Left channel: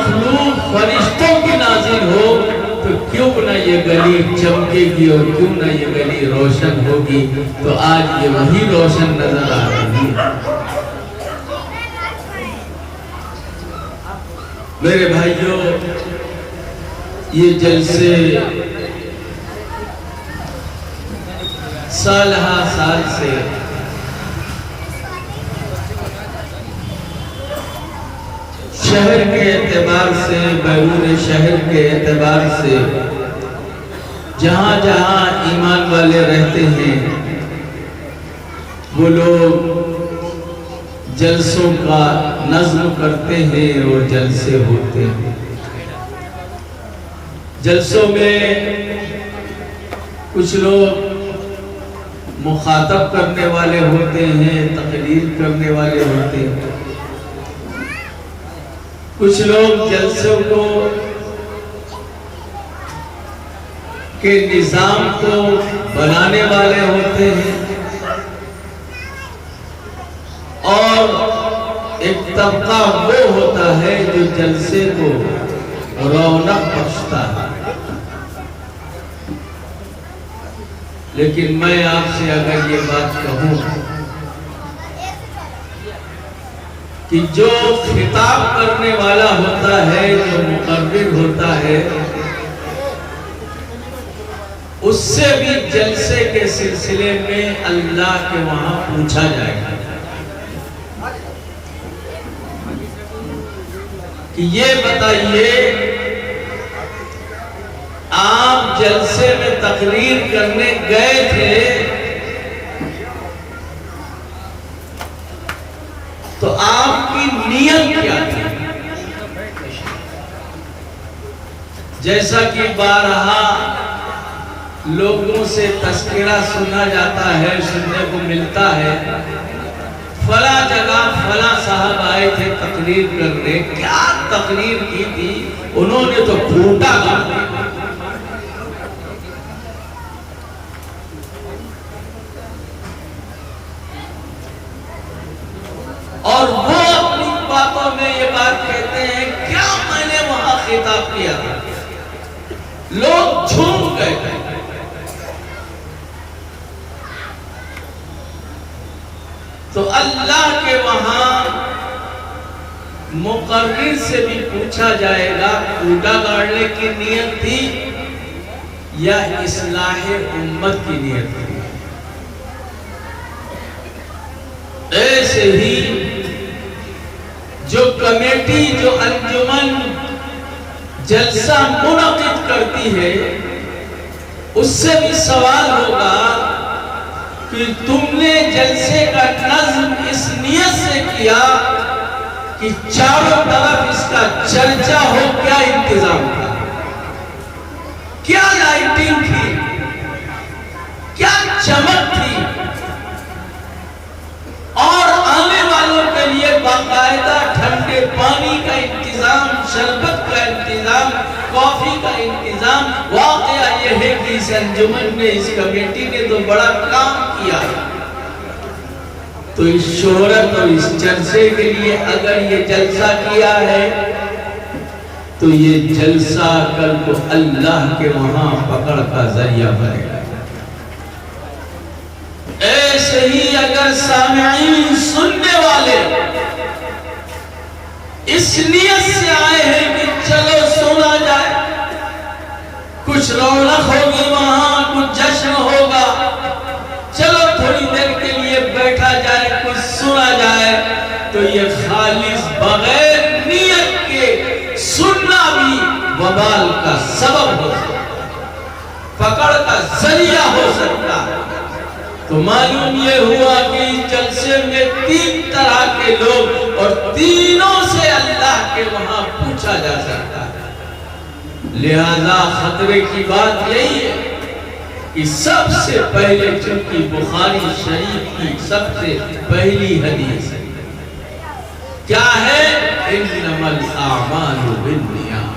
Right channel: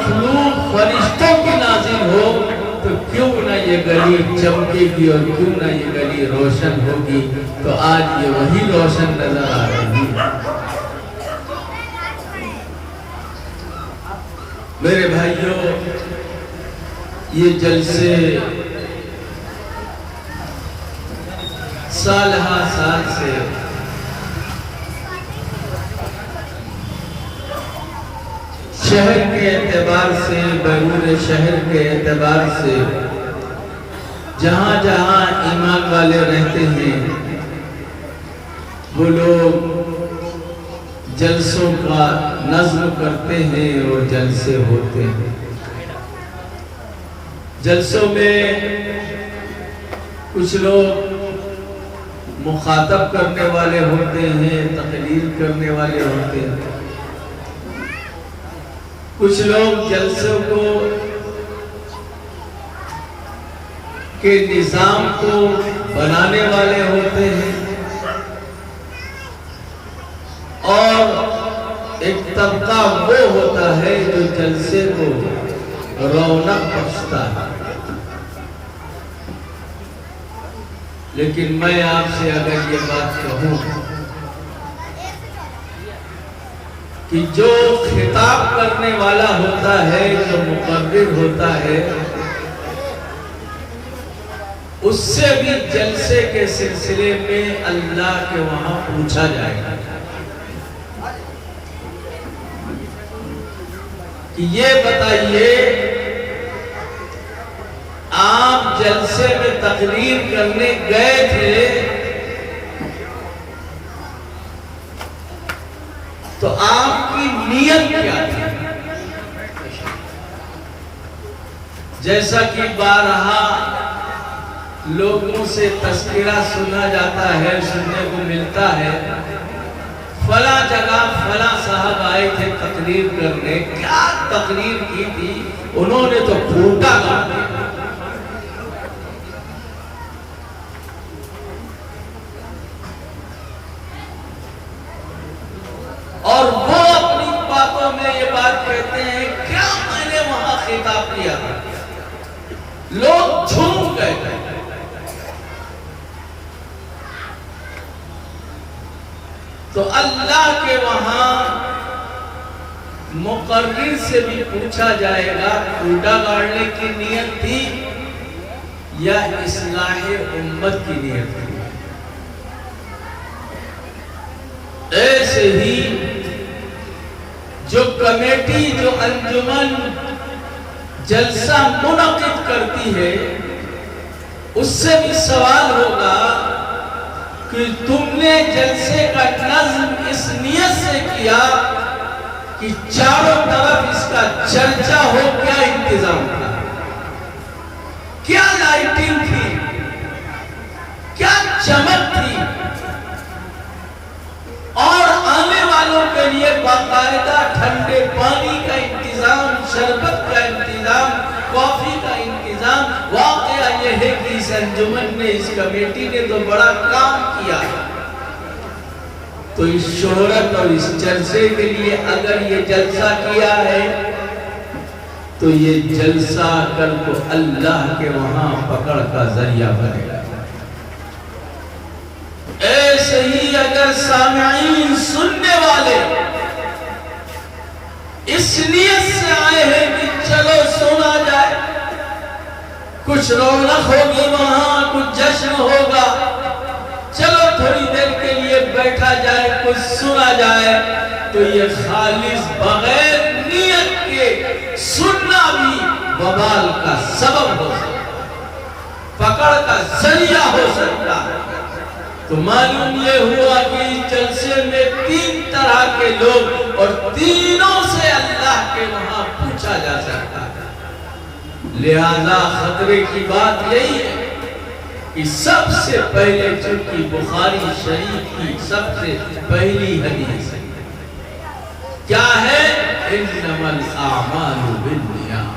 مخلوق فرشتوں کی نازل ہو تو کیوں نہ یہ گلی چمکے گی اور کیوں نہ یہ گلی روشن ہوگی. تو آج یہ وہی روشن نظر آ رہی ہے. میرے بھائیوں، یہ جلسے سال ہا سال سے شہر کے اعتبار سے، بیرون شہر کے اعتبار سے جہاں جہاں ایمان والے رہتے ہیں وہ لوگ جلسوں کا نظم کرتے ہیں اور جلسے ہوتے ہیں. جلسوں میں کچھ لوگ مخاطب کرنے والے ہوتے ہیں، تقریر کرنے والے ہوتے ہیں. کچھ لوگ جلسوں کو کے نظام کو بنانے والے ہوتے ہیں، اور ایک طبقہ وہ ہوتا ہے جو جلسے کو رونق بخشتا ہے. لیکن میں آپ سے اگر یہ بات کہوں کہ جو خطاب کرنے والا ہوتا ہے، جو مقرر ہوتا ہے، اس سے بھی جلسے کے سلسلے میں اللہ کے وہاں پوچھا جائے گا کہ یہ بتائیے آپ جلسے میں تقریر کرنے گئے تھے تو آپ کی نیت کیا تھی؟ جیسا کہ بارہا لوگوں سے تذکرہ سنا جاتا ہے، سننے کو ملتا ہے، فلاں جگہ فلاں صاحب آئے تھے تقریر کرنے. کیا تقریر کی تھی؟ انہوں نے تو پھوٹا گاڑ دیا. اور وہ اپنی باتوں میں یہ بات کہتے ہیں کیا میں نے وہاں خطاب کیا. لوگ جھوم گئے تھے. تو اللہ کے وہاں مقرر سے بھی پوچھا جائے گا کوٹا گاڑنے کی نیت تھی یا اصلاح امت کی نیت تھی. ایسے ہی جو کمیٹی، جو انجمن جلسہ منعقد کرتی ہے، اس سے بھی سوال ہوگا کہ تم نے جلسے کا نظم اس نیت سے کیا کہ چاروں طرف اس کا چرچا ہو. کیا انتظام تھا؟ کیا لائٹنگ تھی؟ کیا چمک تھی؟ اور آنے والوں کے لیے باقاعدہ ٹھنڈے پانی کا انتظام، شربت کا انتظام، کافی کا انتظام. واقعہ یہ ہے کہ اس انجمن نے، اس کمیٹی نے تو بڑا کام کیا. تو اس شہرت اور اس جلسے کے لیے اگر یہ جلسہ کیا ہے تو یہ جلسہ کل کو اللہ کے وہاں پکڑ کا ذریعہ بنے گا. ایسے ہی اگر سامعین، سننے والے اس نیت سے آئے ہیں کہ چلو سنا جائے، کچھ رونق ہوگی وہاں، کچھ جشن ہوگا، چلو تھوڑی دیر کے لیے بیٹھا جائے، کچھ سنا جائے، تو یہ خالص بغیر نیت کے سننا بھی وبال کا سبب ہو سکتا ہے، پکڑ کا ذریعہ ہو سکتا ہے. تو معلوم یہ ہوا کہ جلسے میں 3 طرح کے لوگ اور تینوں سے اللہ کے وہاں پوچھا جا سکتا ہے. لہذا خطرے کی بات یہی ہے کہ سب سے پہلے چونکہ بخاری شریف کی سب سے پہلی حدیث کیا ہے؟ انما الاعمال بالنیات.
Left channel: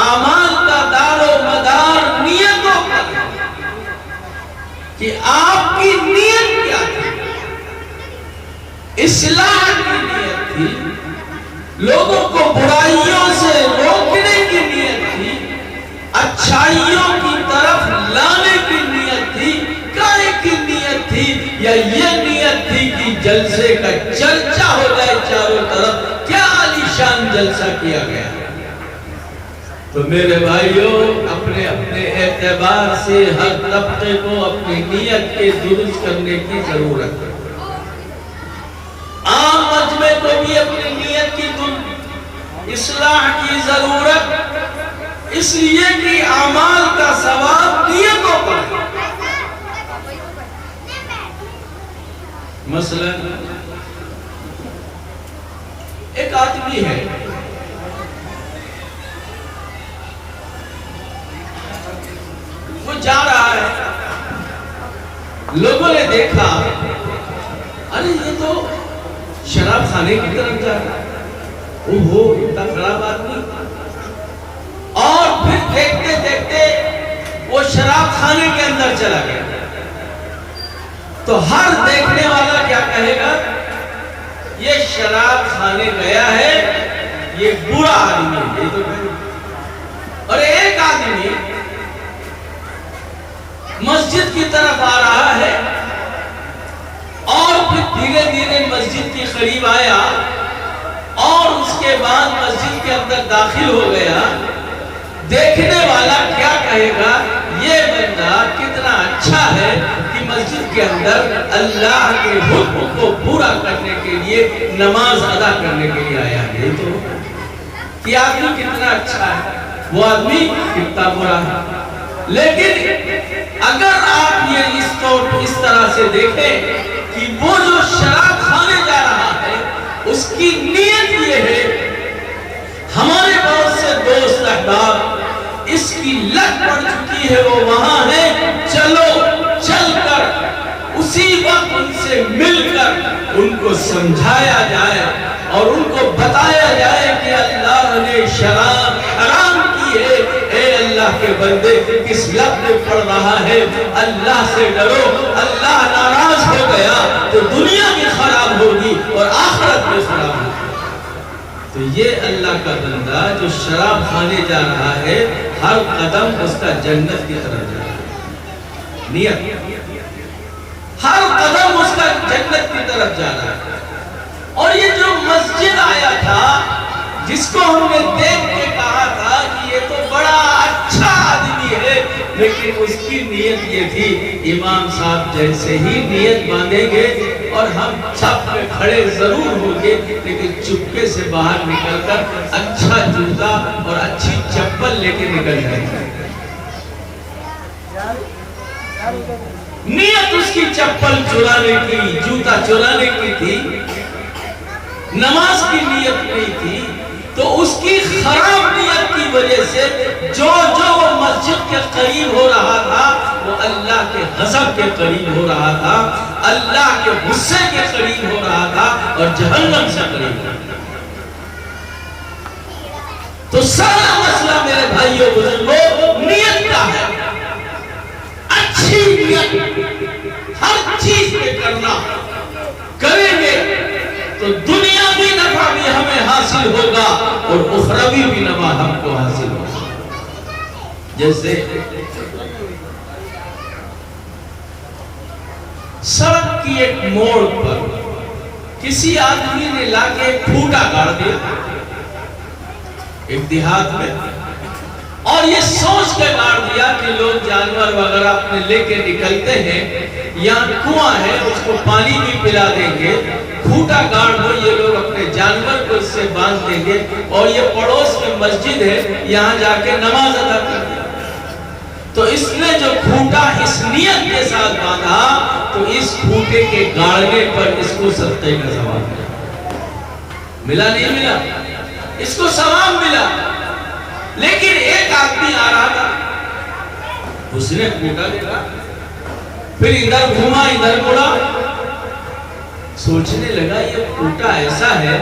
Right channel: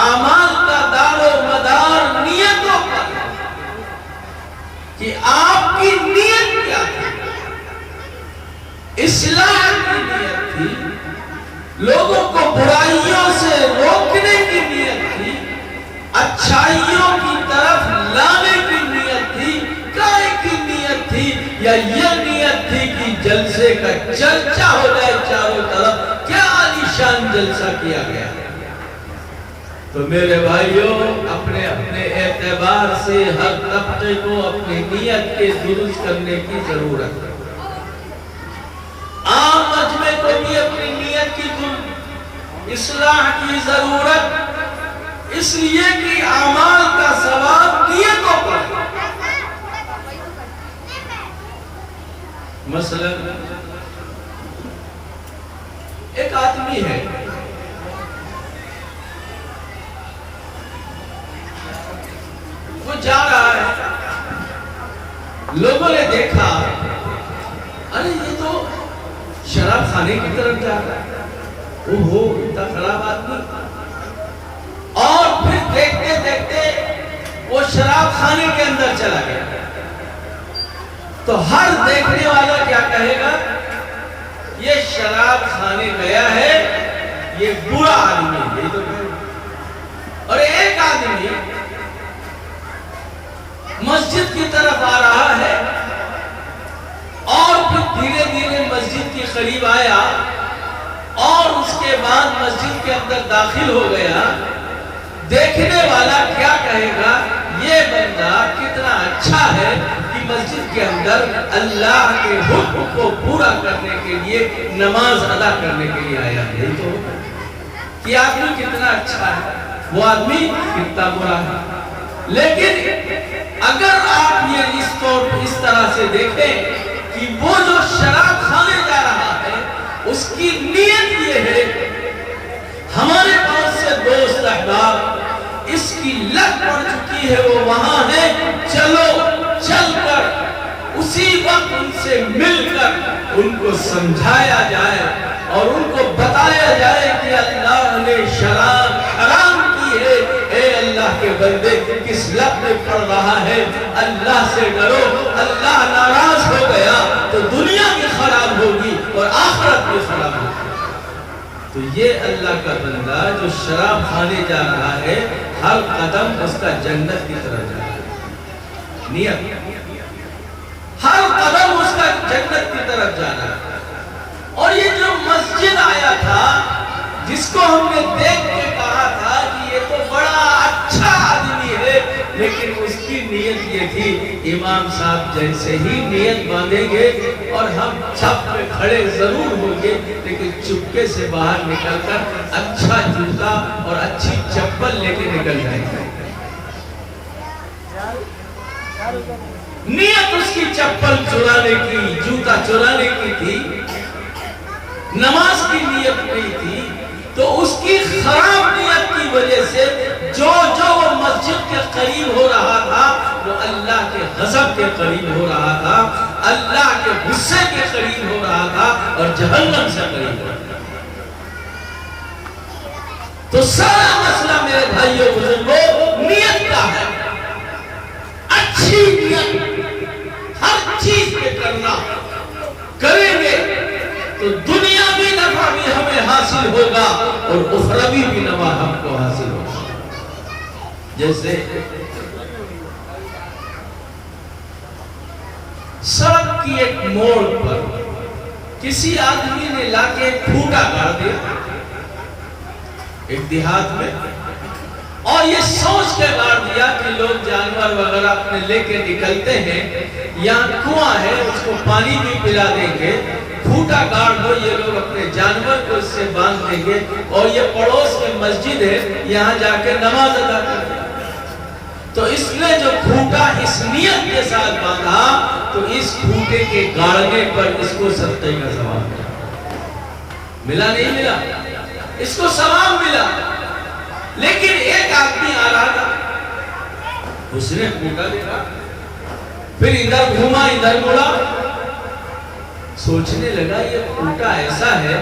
اعمال کا دار و مدار نیتوں پر ہے کہ آپ کی نیت کیا تھی. اصلاح کی نیت تھی لوگوں کو برائیوں سے روکنے کی نیت تھی، اچھائیوں کی طرف لانے کی نیت تھی، کائے کی نیت تھی، یا یہ نیت تھی کہ جلسے کا چرچا ہو جائے چاروں طرف؟ کیا عالیشان جلسہ کیا گیا؟ تو میرے بھائیوں، اپنے اپنے اعتبار سے ہر طبقے کو اپنی نیت کے درست کرنے کی ضرورت ہے۔ عام مجمع کو بھی اپنی نیت کی اصلاح کی ضرورت، اس لیے کہ اعمال کا ثواب نیتوں پر۔ مثلا ایک آدمی ہے، وہ جا رہا ہے، لوگوں نے دیکھا، ارے یہ تو شراب خانے کی طرف جا رہا ہے، اوہو اتنا خراب آدمی۔ اور پھر دیکھتے دیکھتے وہ شراب خانے کے اندر چلا گیا۔ تو ہر دیکھنے والا کیا کہے گا؟ یہ شراب خانے گیا ہے، یہ برا آدمی ہے، یہ تو کہے گا۔ اور ایک آدمی مسجد کی طرف آ رہا ہے، اور پھر دھیرے دھیرے مسجد کے قریب آیا، اور اس کے بعد مسجد کے اندر داخل ہو گیا۔ دیکھنے والا کیا کہے گا؟ یہ بندہ کتنا اچھا ہے کہ مسجد کے اندر اللہ کے حکم کو پورا کرنے کے لیے، نماز ادا کرنے کے لیے آیا ہے۔ تو کہ آدمی کتنا اچھا ہے، وہ آدمی کتنا برا ہے۔ لیکن اگر آپ یہ اس طرح سے دیکھیں کہ وہ جو شراب خانے جا رہا ہے، اس کی نیت یہ ہے، ہمارے بہت سے دوست احباب اس کی لت پڑ چکی ہے، وہ وہاں ہے، چلو چل کر اسی وقت ان سے مل کر ان کو سمجھایا جائے اور ان کو بتایا جائے کہ اللہ نے شراب حرام کی ہے۔ اے اللہ کے بندے، کس لت میں پڑ رہا ہے؟ اللہ سے ڈرو، اللہ ناراض ہو گیا تو دنیا بھی خراب ہوگی اور آخرت بھی خراب ہوگی۔ تو یہ اللہ کا بندہ جو شراب خانے جا رہا ہے، ہر قدم اس کا جنت کی طرف جا رہا ہے، نیت، ہر قدم اس کا جنت کی طرف جا رہا ہے۔ اور یہ جو مسجد آیا تھا، جس کو ہم نے دیکھ کے کہا تھا کہ یہ تو بڑا اچھا آدمی ہے، لیکن اس کی نیت یہ تھی، امام صاحب جیسے ہی نیت باندھیں گے اور ہم سب پہ کھڑے ضرور ہوں گے، لیکن چپکے سے باہر نکل کر اچھا جوتا اور اچھی چپل لے کے نکل جائیں گے۔ نیت اس کی چپل چرانے کی، جوتا چرانے کی تھی، نماز کی نیت نہیں تھی۔ تو اس کی خراب نیت کی وجہ سے جو وہ مسجد کے قریب ہو رہا تھا، وہ اللہ کے غضب کے قریب ہو رہا تھا، اللہ کے غصے کے قریب ہو رہا تھا، اور جہنم سے قریب ہو رہا تھا۔ تو سارا مسئلہ میرے بھائیوں بزرگوں نیت کا ہے۔ اچھی نیت ہر چیز پہ کرنا، کریں گے تو دنیاوی نفع بھی ہمیں حاصل ہوگا اور اخروی بھی نفع ہم کو حاصل ہوگا۔ جیسے سڑک کی ایک موڑ پر کسی آدمی نے لا کے ایک پھوٹا گاڑ دیا ایک دیہات میں، اور یہ سوچ کے گاڑ دیا کہ لوگ جانور وغیرہ اپنے لے کے نکلتے ہیں، یہاں کنواں ہے، اس کو پانی بھی پلا دیں گے، پھوٹا گاڑ دو، یہ لوگ اپنے جانور کو اس سے باندھ دیں گے، اور یہ پڑوس میں مسجد ہے، یہاں جا کے نماز ادا کر دیں۔ تو اس نے جو پھوٹا اس نیت کے ساتھ باندھا، تو اس پھوٹے کے گاڑنے پر اس کو صدقے کا ثواب ملا نہیں ملا؟ اس کو ثواب ملا۔ لیکن ایک آدمی آ رہا تھا، اس نے پھوٹا دیکھا، پھر ادھر گھوما ادھر مڑا، سوچنے لگا یہ پھوٹا ایسا ہے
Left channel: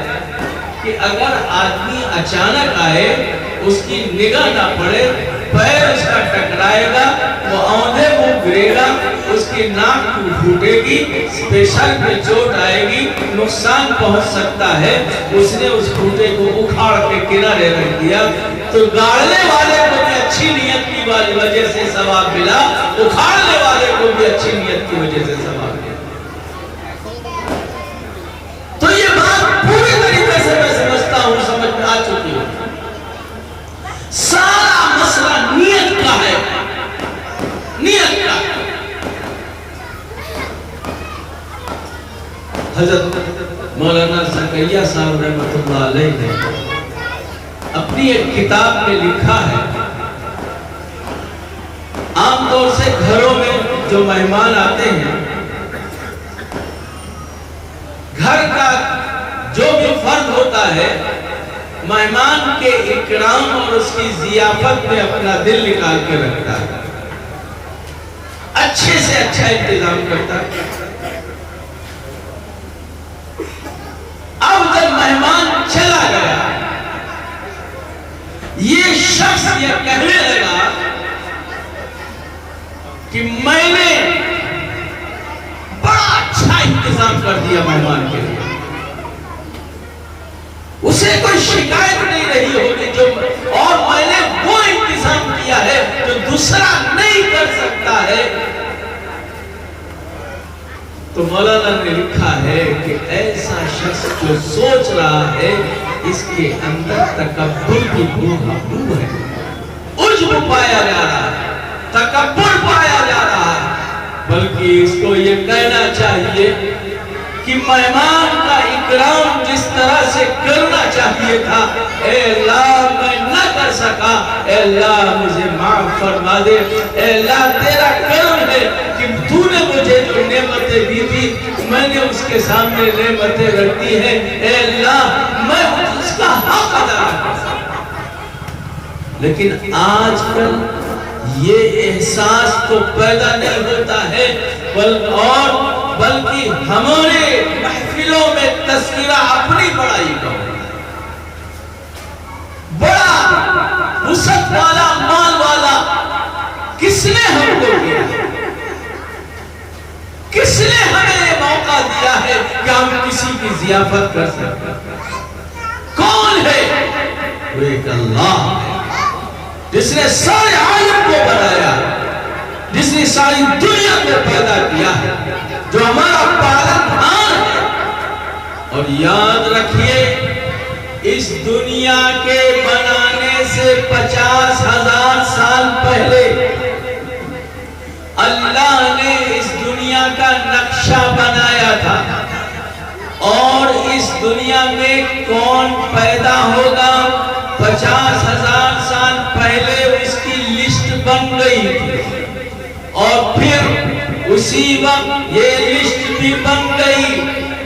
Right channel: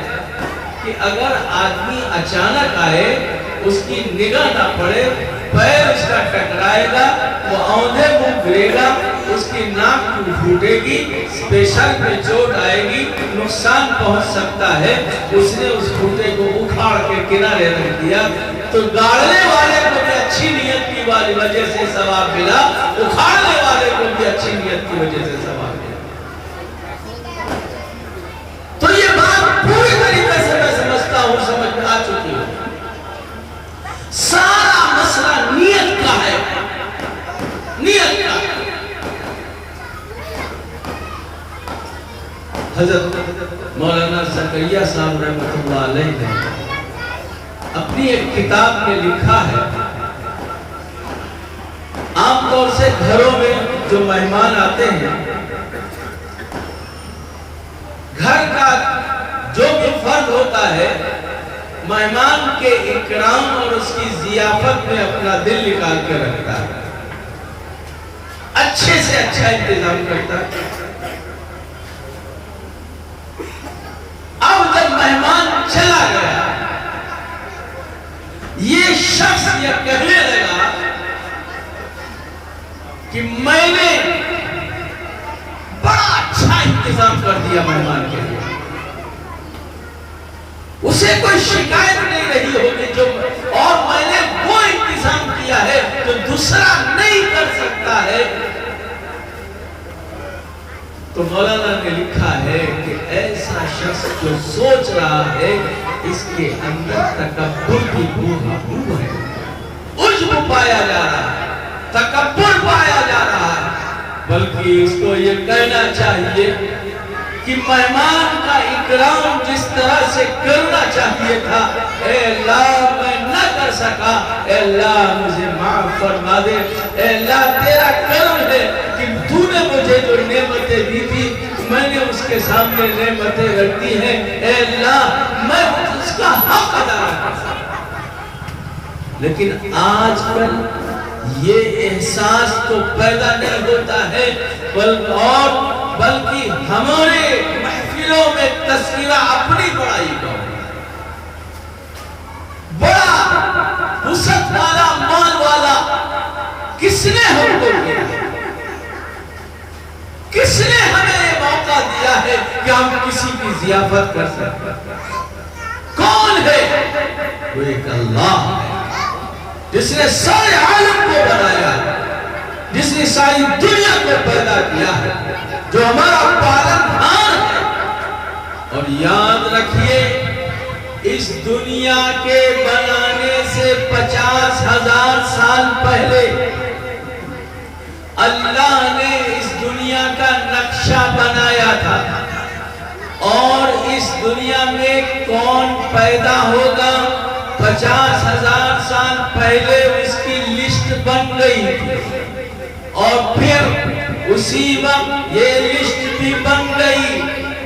کہ اگر آدمی اچانک آئے، اس کی نگاہ نہ پڑے، پیر اس کا ٹکرائے گا، وہ اوندھے منہ گرے گا، اس کی ناک پھوٹے گی، اسپیشل میں چوٹ آئے گی، نقصان پہنچ سکتا ہے. اس نے اس پھوٹے کو اکھاڑ کے کنارے رکھ دیا. تو گاڑنے والے کو بھی اچھی نیت کی وجہ سے ثواب ملا، اکھاڑنے والے کو بھی اچھی نیت کی وجہ سے ثواب ملا. تو یہ بات پوری طریقے سے میں سمجھتا ہوں، سمجھ میں آ چکی ہوں. سارا مسئلہ نیت کا ہے، نیت کا. حضرت مولانا زکریا صاحب رحمۃ اللہ علیہ نے اپنی ایک کتاب میں لکھا ہے، عام طور سے گھروں میں جو مہمان آتے ہیں، گھر کا جو بھی فرد ہوتا ہے، مہمان کے اکرام اور اس کی ضیافت میں اپنا دل نکال کے رکھتا ہے، اچھے سے اچھا انتظام کرتا ہے. اب جب مہمان چلا گیا، یہ شخص یہ کہنے لگا کہ میں نے بڑا اچھا انتظام کر دیا مہمان کے لیے. اسے کوئی شکایت نہیں رہی ہوگی اور میں نے وہ انتظام کیا ہے جو دوسرا نہیں کر سکتا ہے. تو مولانا نے لکھا ہے کہ ایسا شخص جو سوچ رہا ہے اس کے اندر تکبر کی بو ہے، عجب پایا جا رہا ہے، تکبر پایا جا رہا ہے. بلکہ اس کو یہ کہنا چاہیے کہ مہمان کا اکرام جس طرح سے کرنا چاہیے تھا، اے اللہ میں نہ کر سکا، اے اللہ مجھے معاف فرما دے. اے اللہ تیرا کرم ہے کہ تو نے مجھے جو نعمتیں دی تھی میں نے اس کے سامنے نعمتیں رکھ دی ہیں. اے اللہ میں اس کا حق ادا کر سکتا. لیکن آج کل یہ احساس تو پیدا نہیں ہوتا ہے، بلکہ ہمارے محفلوں میں تذکرہ اپنی بڑائی کا ہوتا ہے. بڑا وسعت والا، مال والا کس نے ہم کو دیا ہے؟ کس نے ہمیں یہ موقع دیا ہے کہ ہم کسی کی ضیافت کر سکتے ہیں؟ کون ہے؟ وہ ایک اللہ ہے جس نے سارے عالم کو بنایا، جس نے ساری دنیا کو پیدا کیا ہے، جو ہمارا پالنہار ہے. اور یاد رکھیے اس دنیا کے بنانے سے 50,000 سال پہلے اللہ نے اس دنیا کا نقشہ بنایا تھا. اور اس دنیا میں کون پیدا ہوگا 50,000 سال پہلے اس کی لسٹ بن گئی تھی. اور پھر اسی وقت یہ لسٹ بھی بن گئی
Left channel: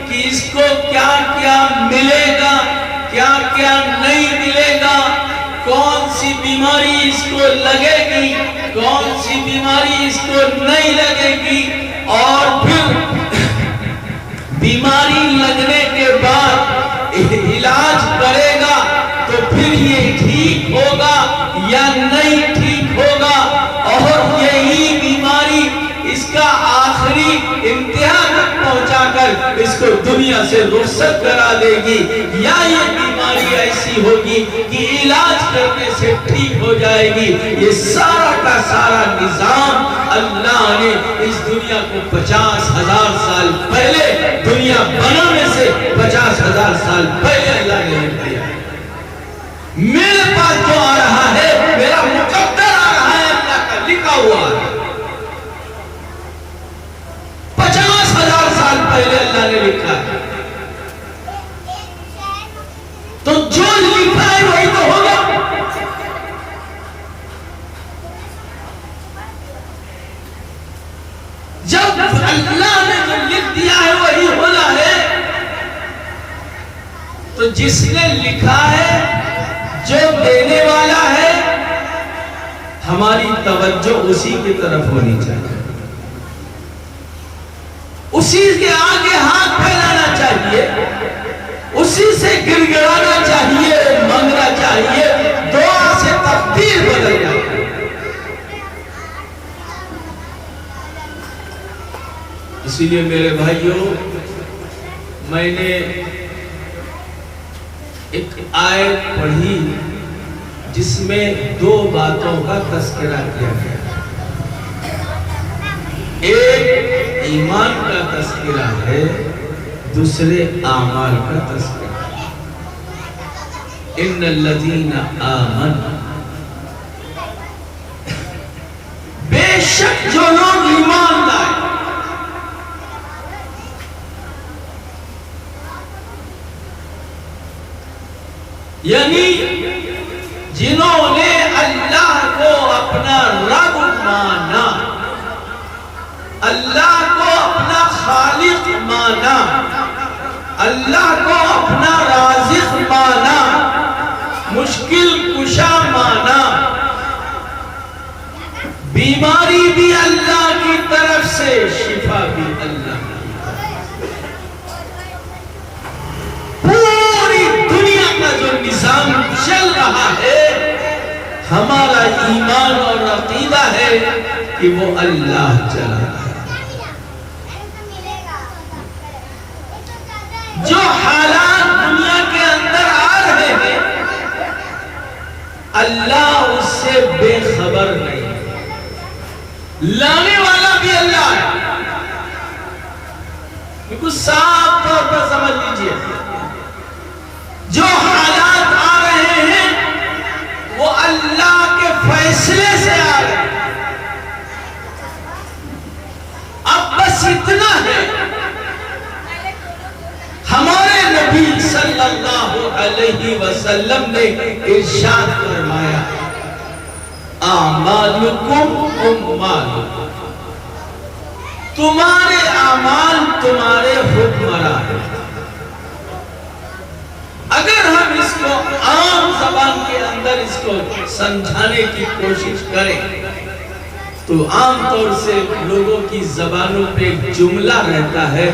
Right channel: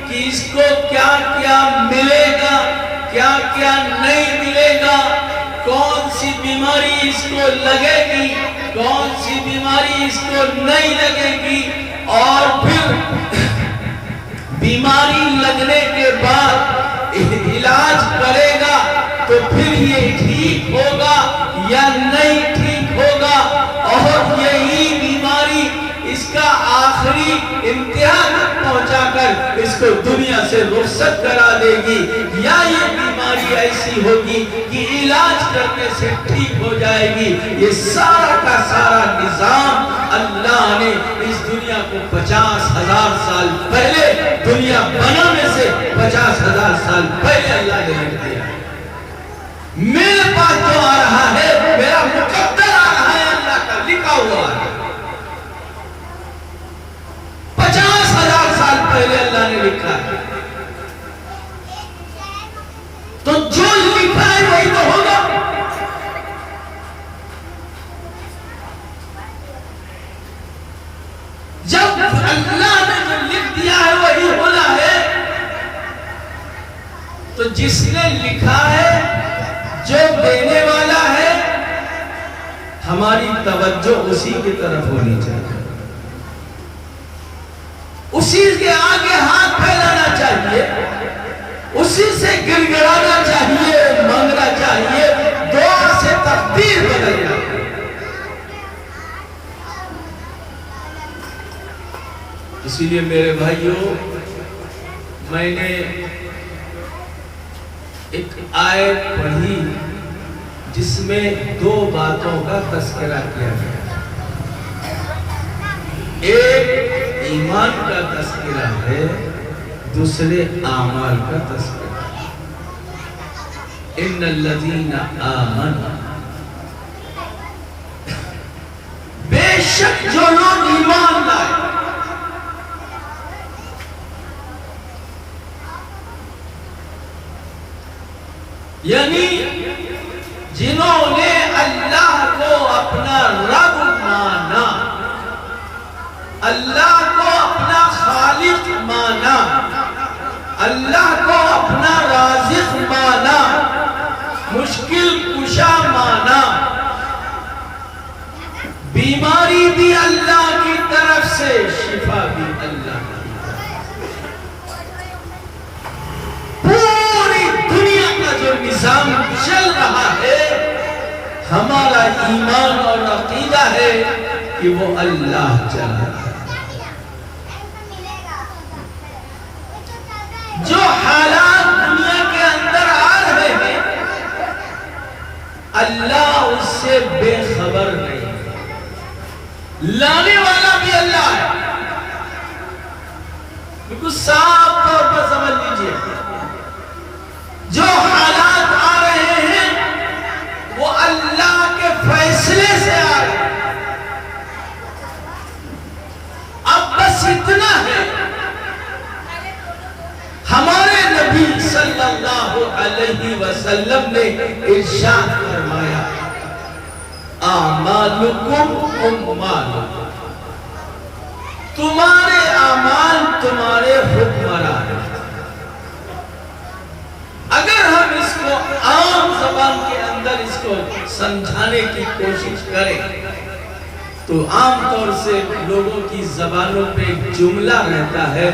کہ اس کو کیا کیا ملے گا، کیا کیا نہیں ملے گا، کون سی بیماری اس کو لگے گی، کون سی بیماری اس کو نہیں لگے گی. اور پھر بیماری لگنے کے بعد علاج کرے گا تو پھر یہ ٹھیک ہوگا یا نہیں ٹھیک ہوگا. اور یہی بیماری اس کا آخری انتہا تک پہنچا کر اس کو دنیا سے رخصت کرا دے گی، یا یہ بیماری ایسی ہوگی کہ علاج کرنے سے ٹھیک ہو جائے گی. یہ سارا کا سارا نظام اللہ نے اس دنیا کو 50,000 سال پہلے، دنیا بنانے سے 50,000 سال پہلے اللہ نے لکھ دیا. میرے پاس جو آ رہا ہے میرا مقدر آ رہا ہے، اللہ کا لکھا ہوا ہے. 50,000 سال پہلے اللہ نے لکھا ہے. تو جو لکھا ہے وہی تو ہوگا. جب اللہ نے جو لکھ دیا ہے وہی ہونا ہے، تو جس نے لکھا ہے، جو دینے والا ہے، ہماری توجہ اسی کی طرف ہونی چاہیے، اسی کے آگے ہاتھ پھیلانا چاہیے، اسی سے گڑگڑانا چاہیے، مانگنا چاہیے. دعا سے تقدیر بدل جاتی ہے. اسی لیے میرے بھائیوں، میں نے ایک آیت پڑھی جس میں دو باتوں کا تذکرہ کیا گیا۔ ایک ایمان کا تذکرہ ہے، دوسرے اعمال کا تذکرہ۔ ان الذین آمنوا، بے شک جو لوگ ایمان لائے، یعنی جنہوں نے اللہ کو اپنا رب مانا، اللہ کو اپنا خالق مانا، اللہ کو اپنا رازق مانا، مشکل کشا مانا، بیماری بھی اللہ کی طرف سے، شفا بھی اللہ کی طرف سے، پوری دنیا کا جو نظام چل رہا ہے، ہمارا ایمان اور عقیدہ ہے کہ وہ اللہ چلا ہے۔ جو حالات دنیا کے اندر آ رہے ہیں، اللہ اس سے بے خبر نہیں، لانے والا بھی اللہ ہے۔ بالکل صاف طور پر سمجھ لیجئے، جو حالات آ رہے ہیں وہ اللہ کے فیصلے سے آ رہے ہیں۔ اب بس اتنا ہے، ہمارے نبی صلی اللہ علیہ وسلم نے ارشاد فرمایا، اعمالکم اموالکم، تمہارے اعمال تمہارے حکمران ہیں۔ اگر ہم اس کو عام زبان کے اندر اس کو سمجھانے کی کوشش کریں تو عام طور سے لوگوں کی زبانوں پہ جملہ رہتا ہے،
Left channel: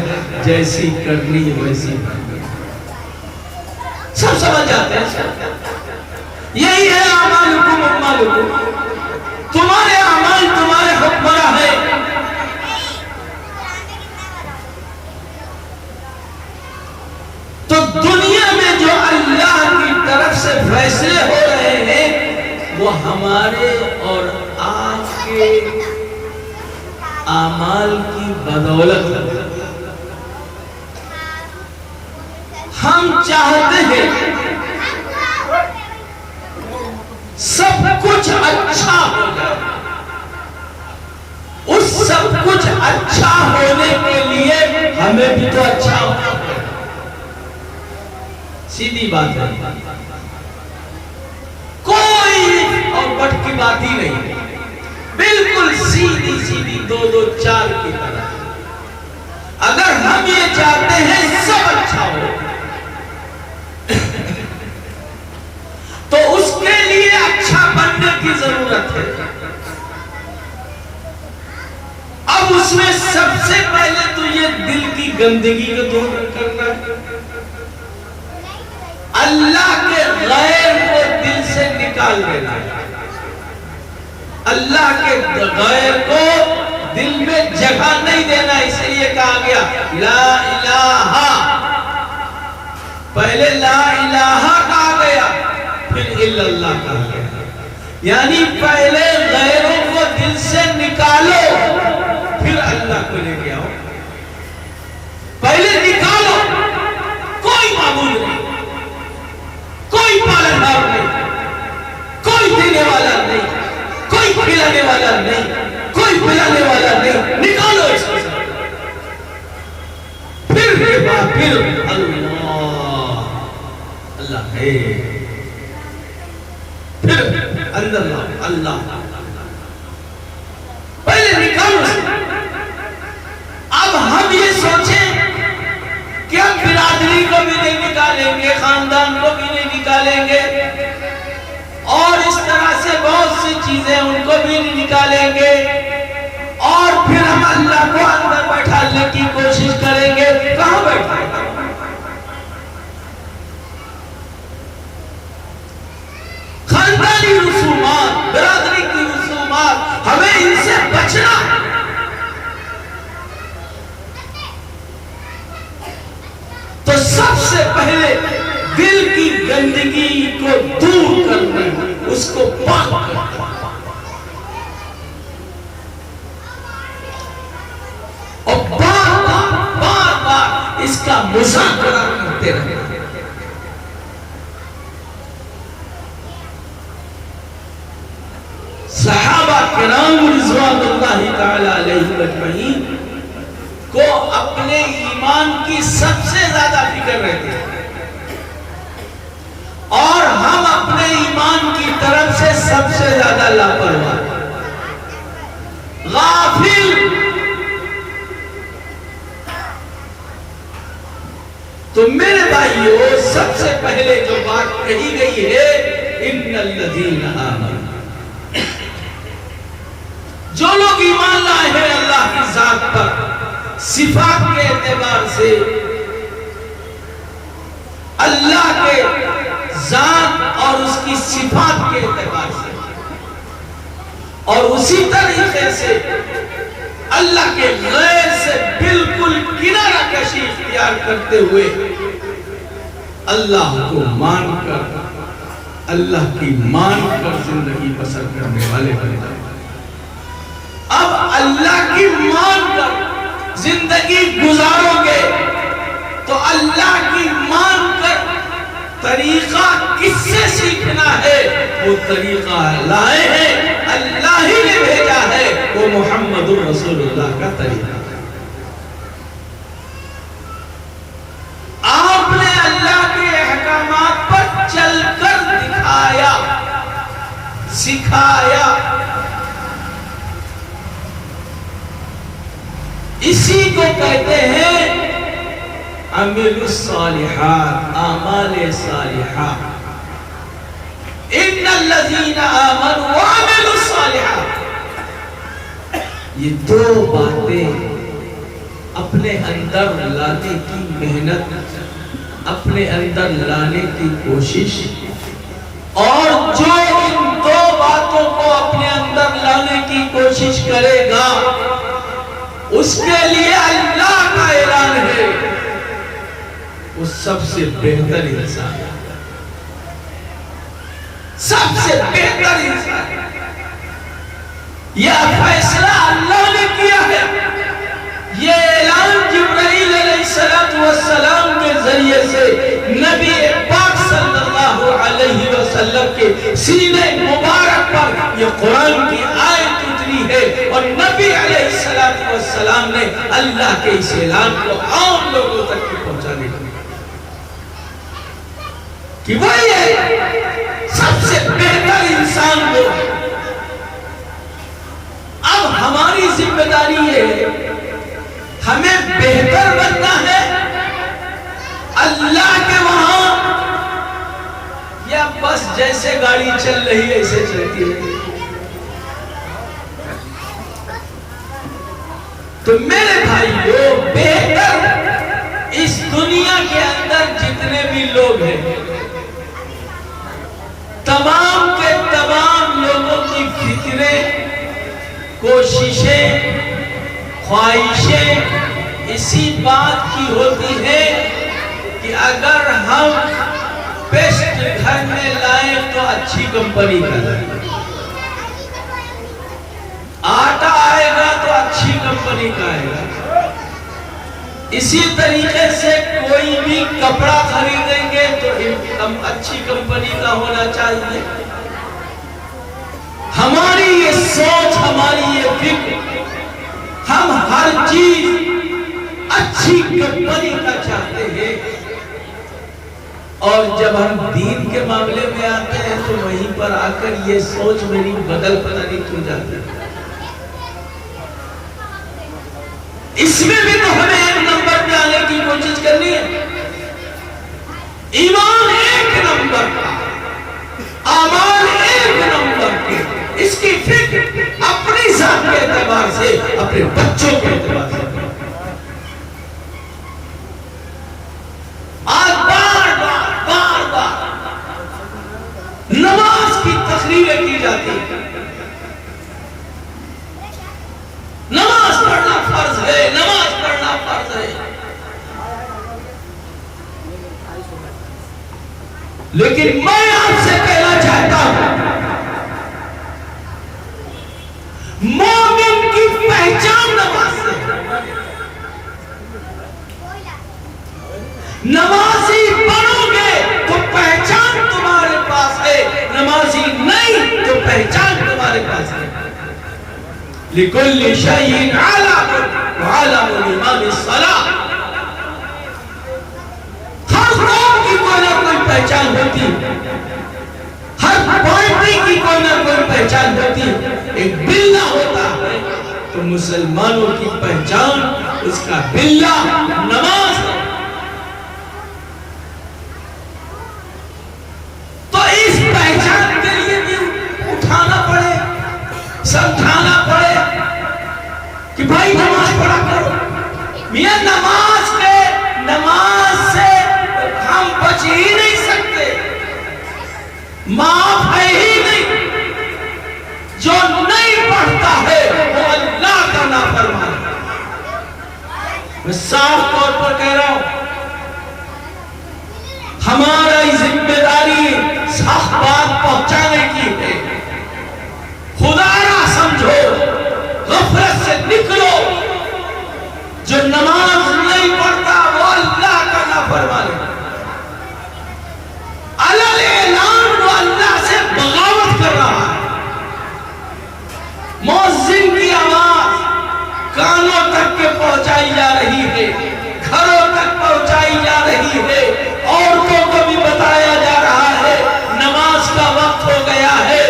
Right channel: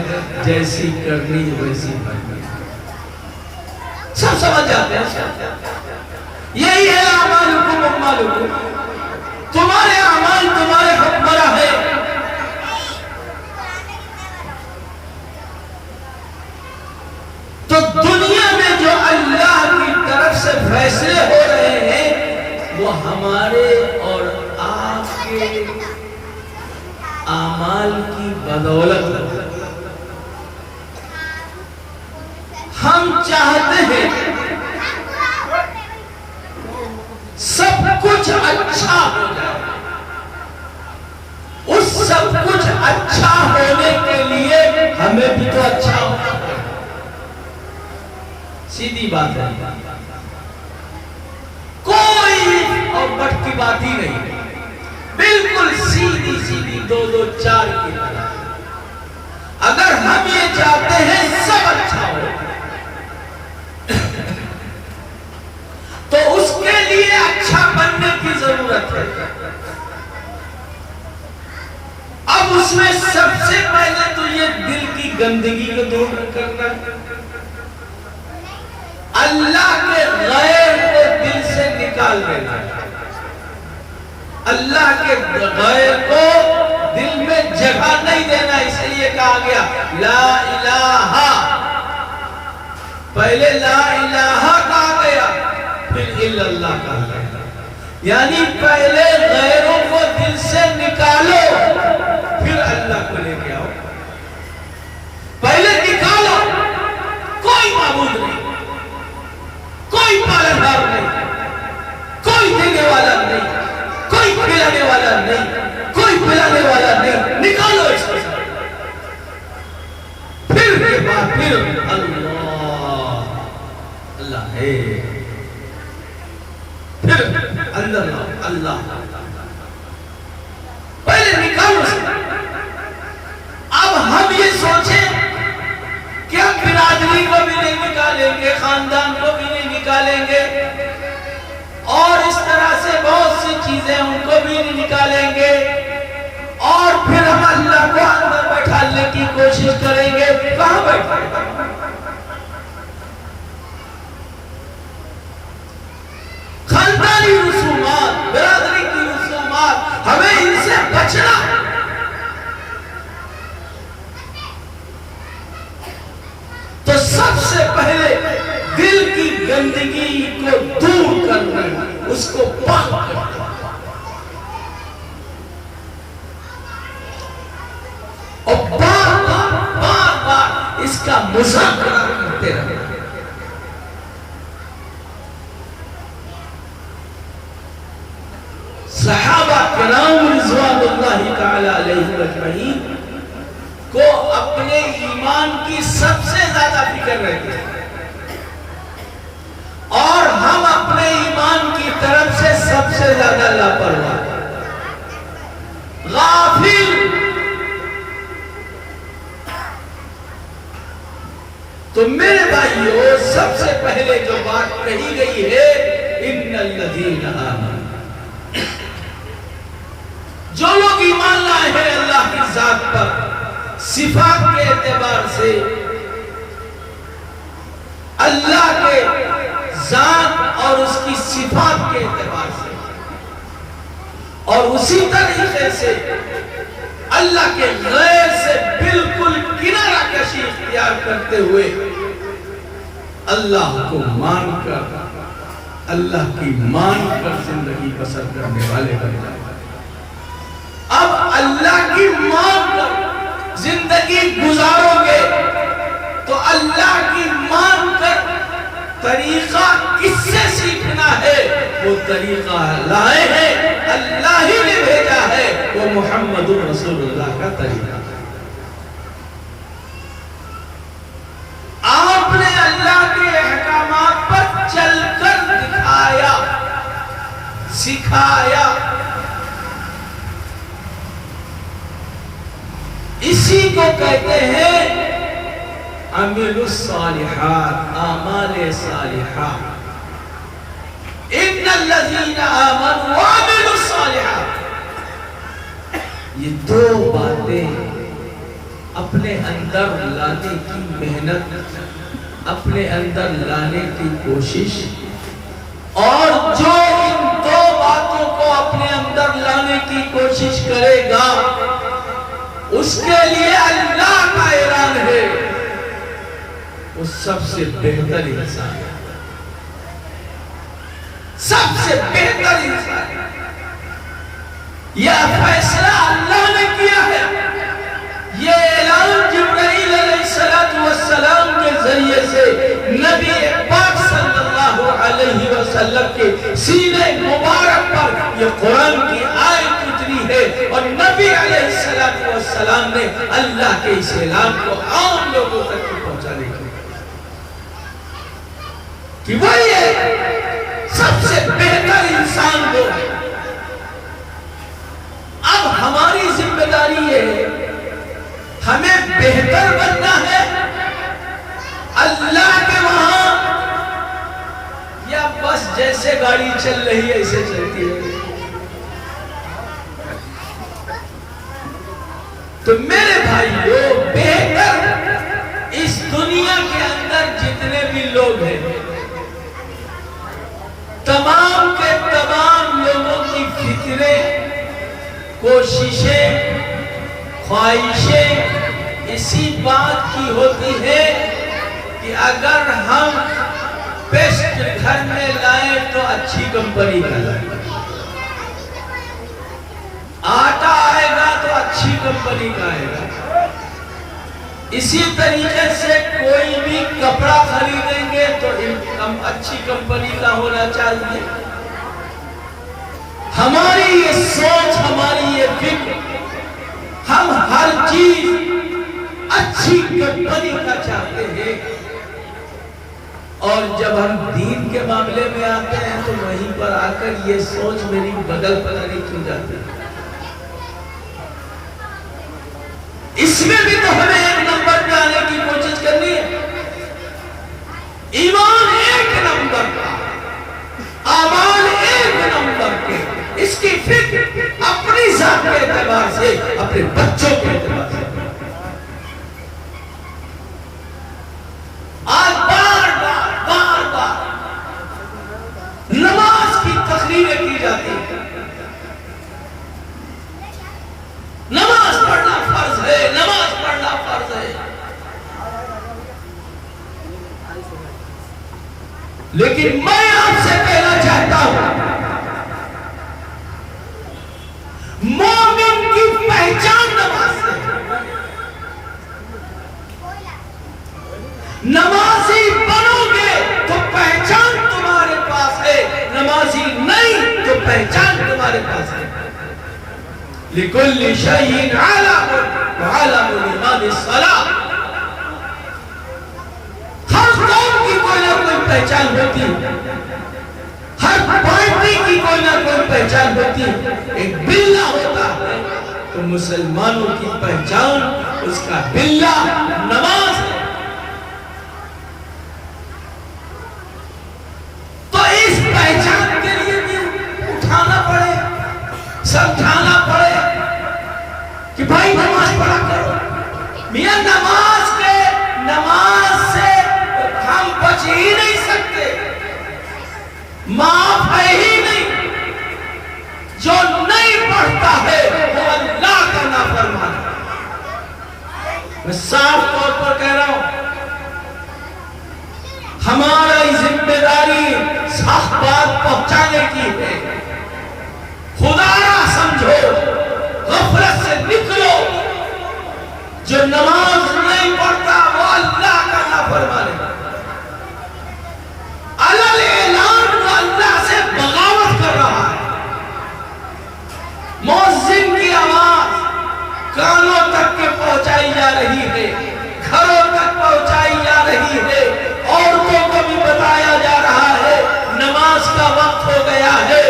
جیسی کرنی ویسی بننی۔ سب سمجھ جاتے ہیں، یہی ہے اعمالکم اموالکم، تمہارے اعمال تمہارے حکمراں ہیں۔ تو دنیا میں جو اللہ کی طرف سے فیصلے ہو رہے ہیں وہ ہمارے اور آپ کے اعمال کی بدولت۔ ہم چاہتے ہیں سب کچھ اچھا ہو جائے، اس سب کچھ اچھا ہونے کے لیے ہمیں بھی تو اچھا ہونا ہے۔ سیدھی بات ہے، کوئی اور بٹ کی بات ہی نہیں، بالکل سیدھی سیدھی دو دو چار کی طرح۔ اگر ہم یہ چاہتے ہیں سب اچھا ہو تو اس کے لیے اچھا بننے کی ضرورت ہے۔ اب اس میں سب سے پہلے تو یہ دل کی گندگی کو دور کرنا ہے، اللہ کے غیر کو دل سے نکال دینا ہے، اللہ کے غیر کو دل میں جگہ نہیں دینا۔ اس لیے کہا گیا لا الہ، پہلے لا الہ کہا گیا پھر الا اللہ کہا گیا، یعنی پہلے غیروں کو دل سے نکالو پھر اللہ کو لے کے آؤ۔ پہلے نکالو، کوئی معبود نہیں، کوئی پالنہار نہیں، کوئی دینے والا نہیں، کوئی کھلانے والا نہیں، کوئی پلانے والا نہیں، نکالو اس کو۔ پھر اللہ اللہ ہے، پھر اللہ اللہ، پہلے نکالو اس کو۔ اب ہم یہ سوچیں کہ ہم برادری کو بھی نہیں نکالیں گے، خاندان کو بھی نہیں نکالیں گے، اور اس طرح سے بہت سی چیزیں ان کو بھی نہیں نکالیں گے، اور پھر ہم اللہ کو اندر بیٹھانے کی کوشش کریں گے۔ کہاں بیٹھائیں گے؟ خاندانی رسومات، برادری کی رسومات، ہمیں ان سے بچنا۔ گندگی کو دور کرنا، اس کو پاک کرنا، اور بار بار اس کا مذاکرہ کرتے رہے۔ صحابہ کرام رضوان اللہ تعالی علیہ اجمعین کو اپنے ایمان کی سب سے زیادہ فکر رہتی ہے، اور ہم اپنے ایمان کی طرف سے سب سے زیادہ لاپرواہ، غافل۔ تو میرے بھائیوں، سب سے پہلے جو بات کہی گئی ہے، ان الذین آمنوا، جو لوگ ایمان لائے ہیں اللہ کی ذات پر، صفات کے اعتبار سے، اللہ کے ذات اور اس کی صفات کے اعتبار سے، اور اسی طریقے سے اللہ کے غیر سے بالکل کنارہ کشی اختیار کرتے ہوئے اللہ کو مان کر، اللہ کی مان کر زندگی بسر کرنے والے بن جائیں۔ اب اللہ کی مان کر زندگی گزارو گے تو اللہ کی مان کر طریقہ کس سے سیکھنا ہے؟ وہ طریقہ لائے ہیں، اللہ ہی نے بھیجا ہے، وہ محمد رسول اللہ کا طریقہ۔ آپ نے اللہ کے احکامات پر چل کر دکھایا، سکھایا۔ اسی کو کہتے ہیں عمل الصالحات، اعمال صالحات۔ ان الذین آمنوا وعملوا الصالحات، یہ دو باتیں اپنے اندر لانے کی محنت، اپنے اندر لانے کی کوشش، اور جو ان دو باتوں کو اپنے اندر لانے کی کوشش کرے گا، اس کے لیے اللہ کا اعلان ہے، وہ سب سے بہتر انسان ہے، سب سے بہتر انسان ہے۔ یہ فیصلہ اللہ نے کیا ہے، یہ اعلان جبرائیل علیہ السلام کے ذریعے سے نبی پاک صلی اللہ علیہ وسلم کے سینے مبارک پر یہ قرآن کی آیت اتری ہے، اور نبی علیہ السلام نے اللہ کے اس اعلان کو عام لوگوں تک پہنچانے کی، کہ وہی ہے سب سے بہتر انسان کو۔ اب ہماری ذمہ داری ہے، ہمیں بہتر بننا ہے اللہ کے وہاں، یا بس جیسے گاڑی چل رہی ہے ایسے چلتی ہے؟ تو میرے بھائیوں، بہتر اس دنیا کے اندر جتنے بھی لوگ ہیں، تمام کے تمام لوگوں کی فکریں، کوششیں، خواہشیں اسی بات کی ہوتی ہے کہ اگر ہم پیسٹ گھر میں لائیں تو اچھی کمپنی کا لائیں، آٹا آئے گا تو اچھی کمپنی کا آئے گا۔ اسی طریقے سے کوئی بھی کپڑا خریدیں گے تو اچھی کمپنی کا ہونا چاہیے۔ ہماری یہ سوچ، ہماری یہ فکر، ہم ہر چیز اچھی کمپنی کا چاہتے ہیں، اور جب ہم دین کے معاملے میں آتے ہیں تو وہیں پر آ کر یہ سوچ میری بدل پتہ نہیں کیوں جاتی ہے۔ اس میں بھی تو ہمیں ایک نمبر پہ آنے کی کوشش کرنی ہے۔ ایمان ایک نمبر کا، اعمال ایک نمبر کے، اس کی فکر اپنی ذات کے اعتبار سے، اپنے بچوں کے اعتبار سے۔ آج بار بار نماز کی تقریریں کی جاتی ہے، نماز پڑھنا فرض ہے، نماز پڑھنا فرض ہے۔ لیکن میں آپ سے کہنا چاہتا ہوں مومن کی پہچان نماز سے، نمازی بنو گے تو پہچان تمہارے پاس ہے، نمازی نہیں تو پہچان تمہارے پاس ہے۔ لِكُلِّ شَيْءٍ عَلَامٌ وَعَلَامُ الْإِمَامِ الصَّلَاةِ، ہر قوم کی کوئی نہ کوئی پہچان ہوتی، ہر پارٹی کی کوئی نہ کوئی پہچان ہوتی، ایک بلہ ہوتا ہے تو مسلمانوں کی پہچان اس کا بلہ نماز ہے۔ تو اس پہچان کے لیے بھی اٹھانا پڑے، سمجھانا پڑے کہ بھائی نماز پڑھا کرو۔ میاں نماز سے ہم بچ ہی نہیں سکتے، معاف ہے ہی نہیں۔ جو نہیں پڑھتا ہے وہ اللہ کا نافرمان ہے۔ میں صاف طور پر کہہ رہا ہوں، ہماری ذمہ داری صح بات پہنچانے کی ہے۔ خدا نہ سمجھو، غفلت سے نکلو۔ جو نماز نہیں پڑھتا وہ اللہ کا نافرمان ہے، علل اعلان وہ اللہ سے بغاوت کر رہا ہے۔ مؤذن کی آواز کانوں تک کے پہنچائی جا رہی ہے، گھروں تک پہنچائی جا رہی ہے، عورتوں کو بھی بتایا جا رہا ہے نماز کا وقت ہو گیا ہے۔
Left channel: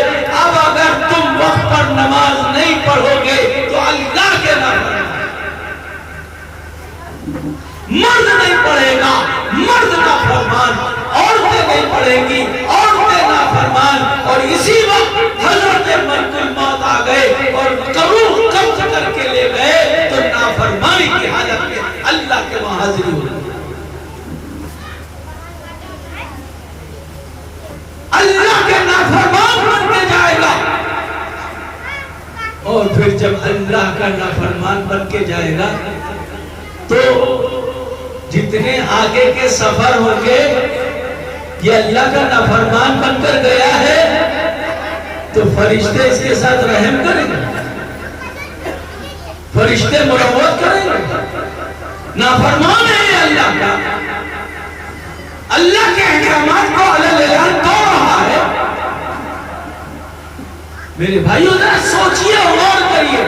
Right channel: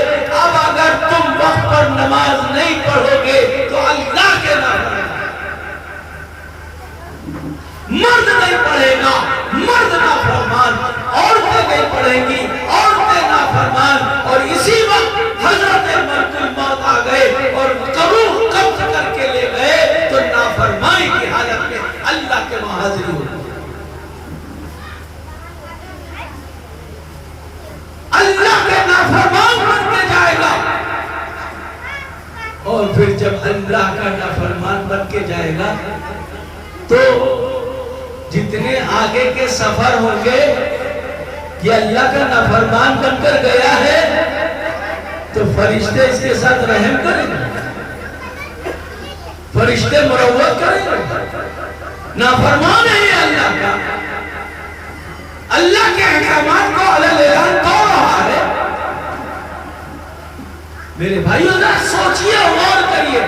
اب اگر تم وقت پر نماز نہیں پڑھو گے تو اللہ کے نافرمان، مرد نہیں پڑھے گا مرد نافرمان، عورتیں نہیں پڑھیں گی عورتیں نافرمان۔ اور اسی وقت حضرت ملک الموت آ گئے اور قبول قبض کر کے لے گئے تو نافرمانی کی حالت میں اللہ کے وہاں حاضری ہو، اللہ کے نافرمان بن کے جائے گا۔ اور پھر جب اللہ کا نافرمان بن کے جائے گا تو جتنے آگے کے سفر ہوں گے، یہ اللہ کا نافرمان بن کر گیا ہے تو فرشتے اس کے ساتھ رحم کریں گے، فرشتے مروت کریں گے۔ نافرمان ہے اللہ کا، اللہ کے احکامات کو علل اعلان توڑ رہا ہے۔ میرے بھائیوں ذرا سوچئے، غور کریے،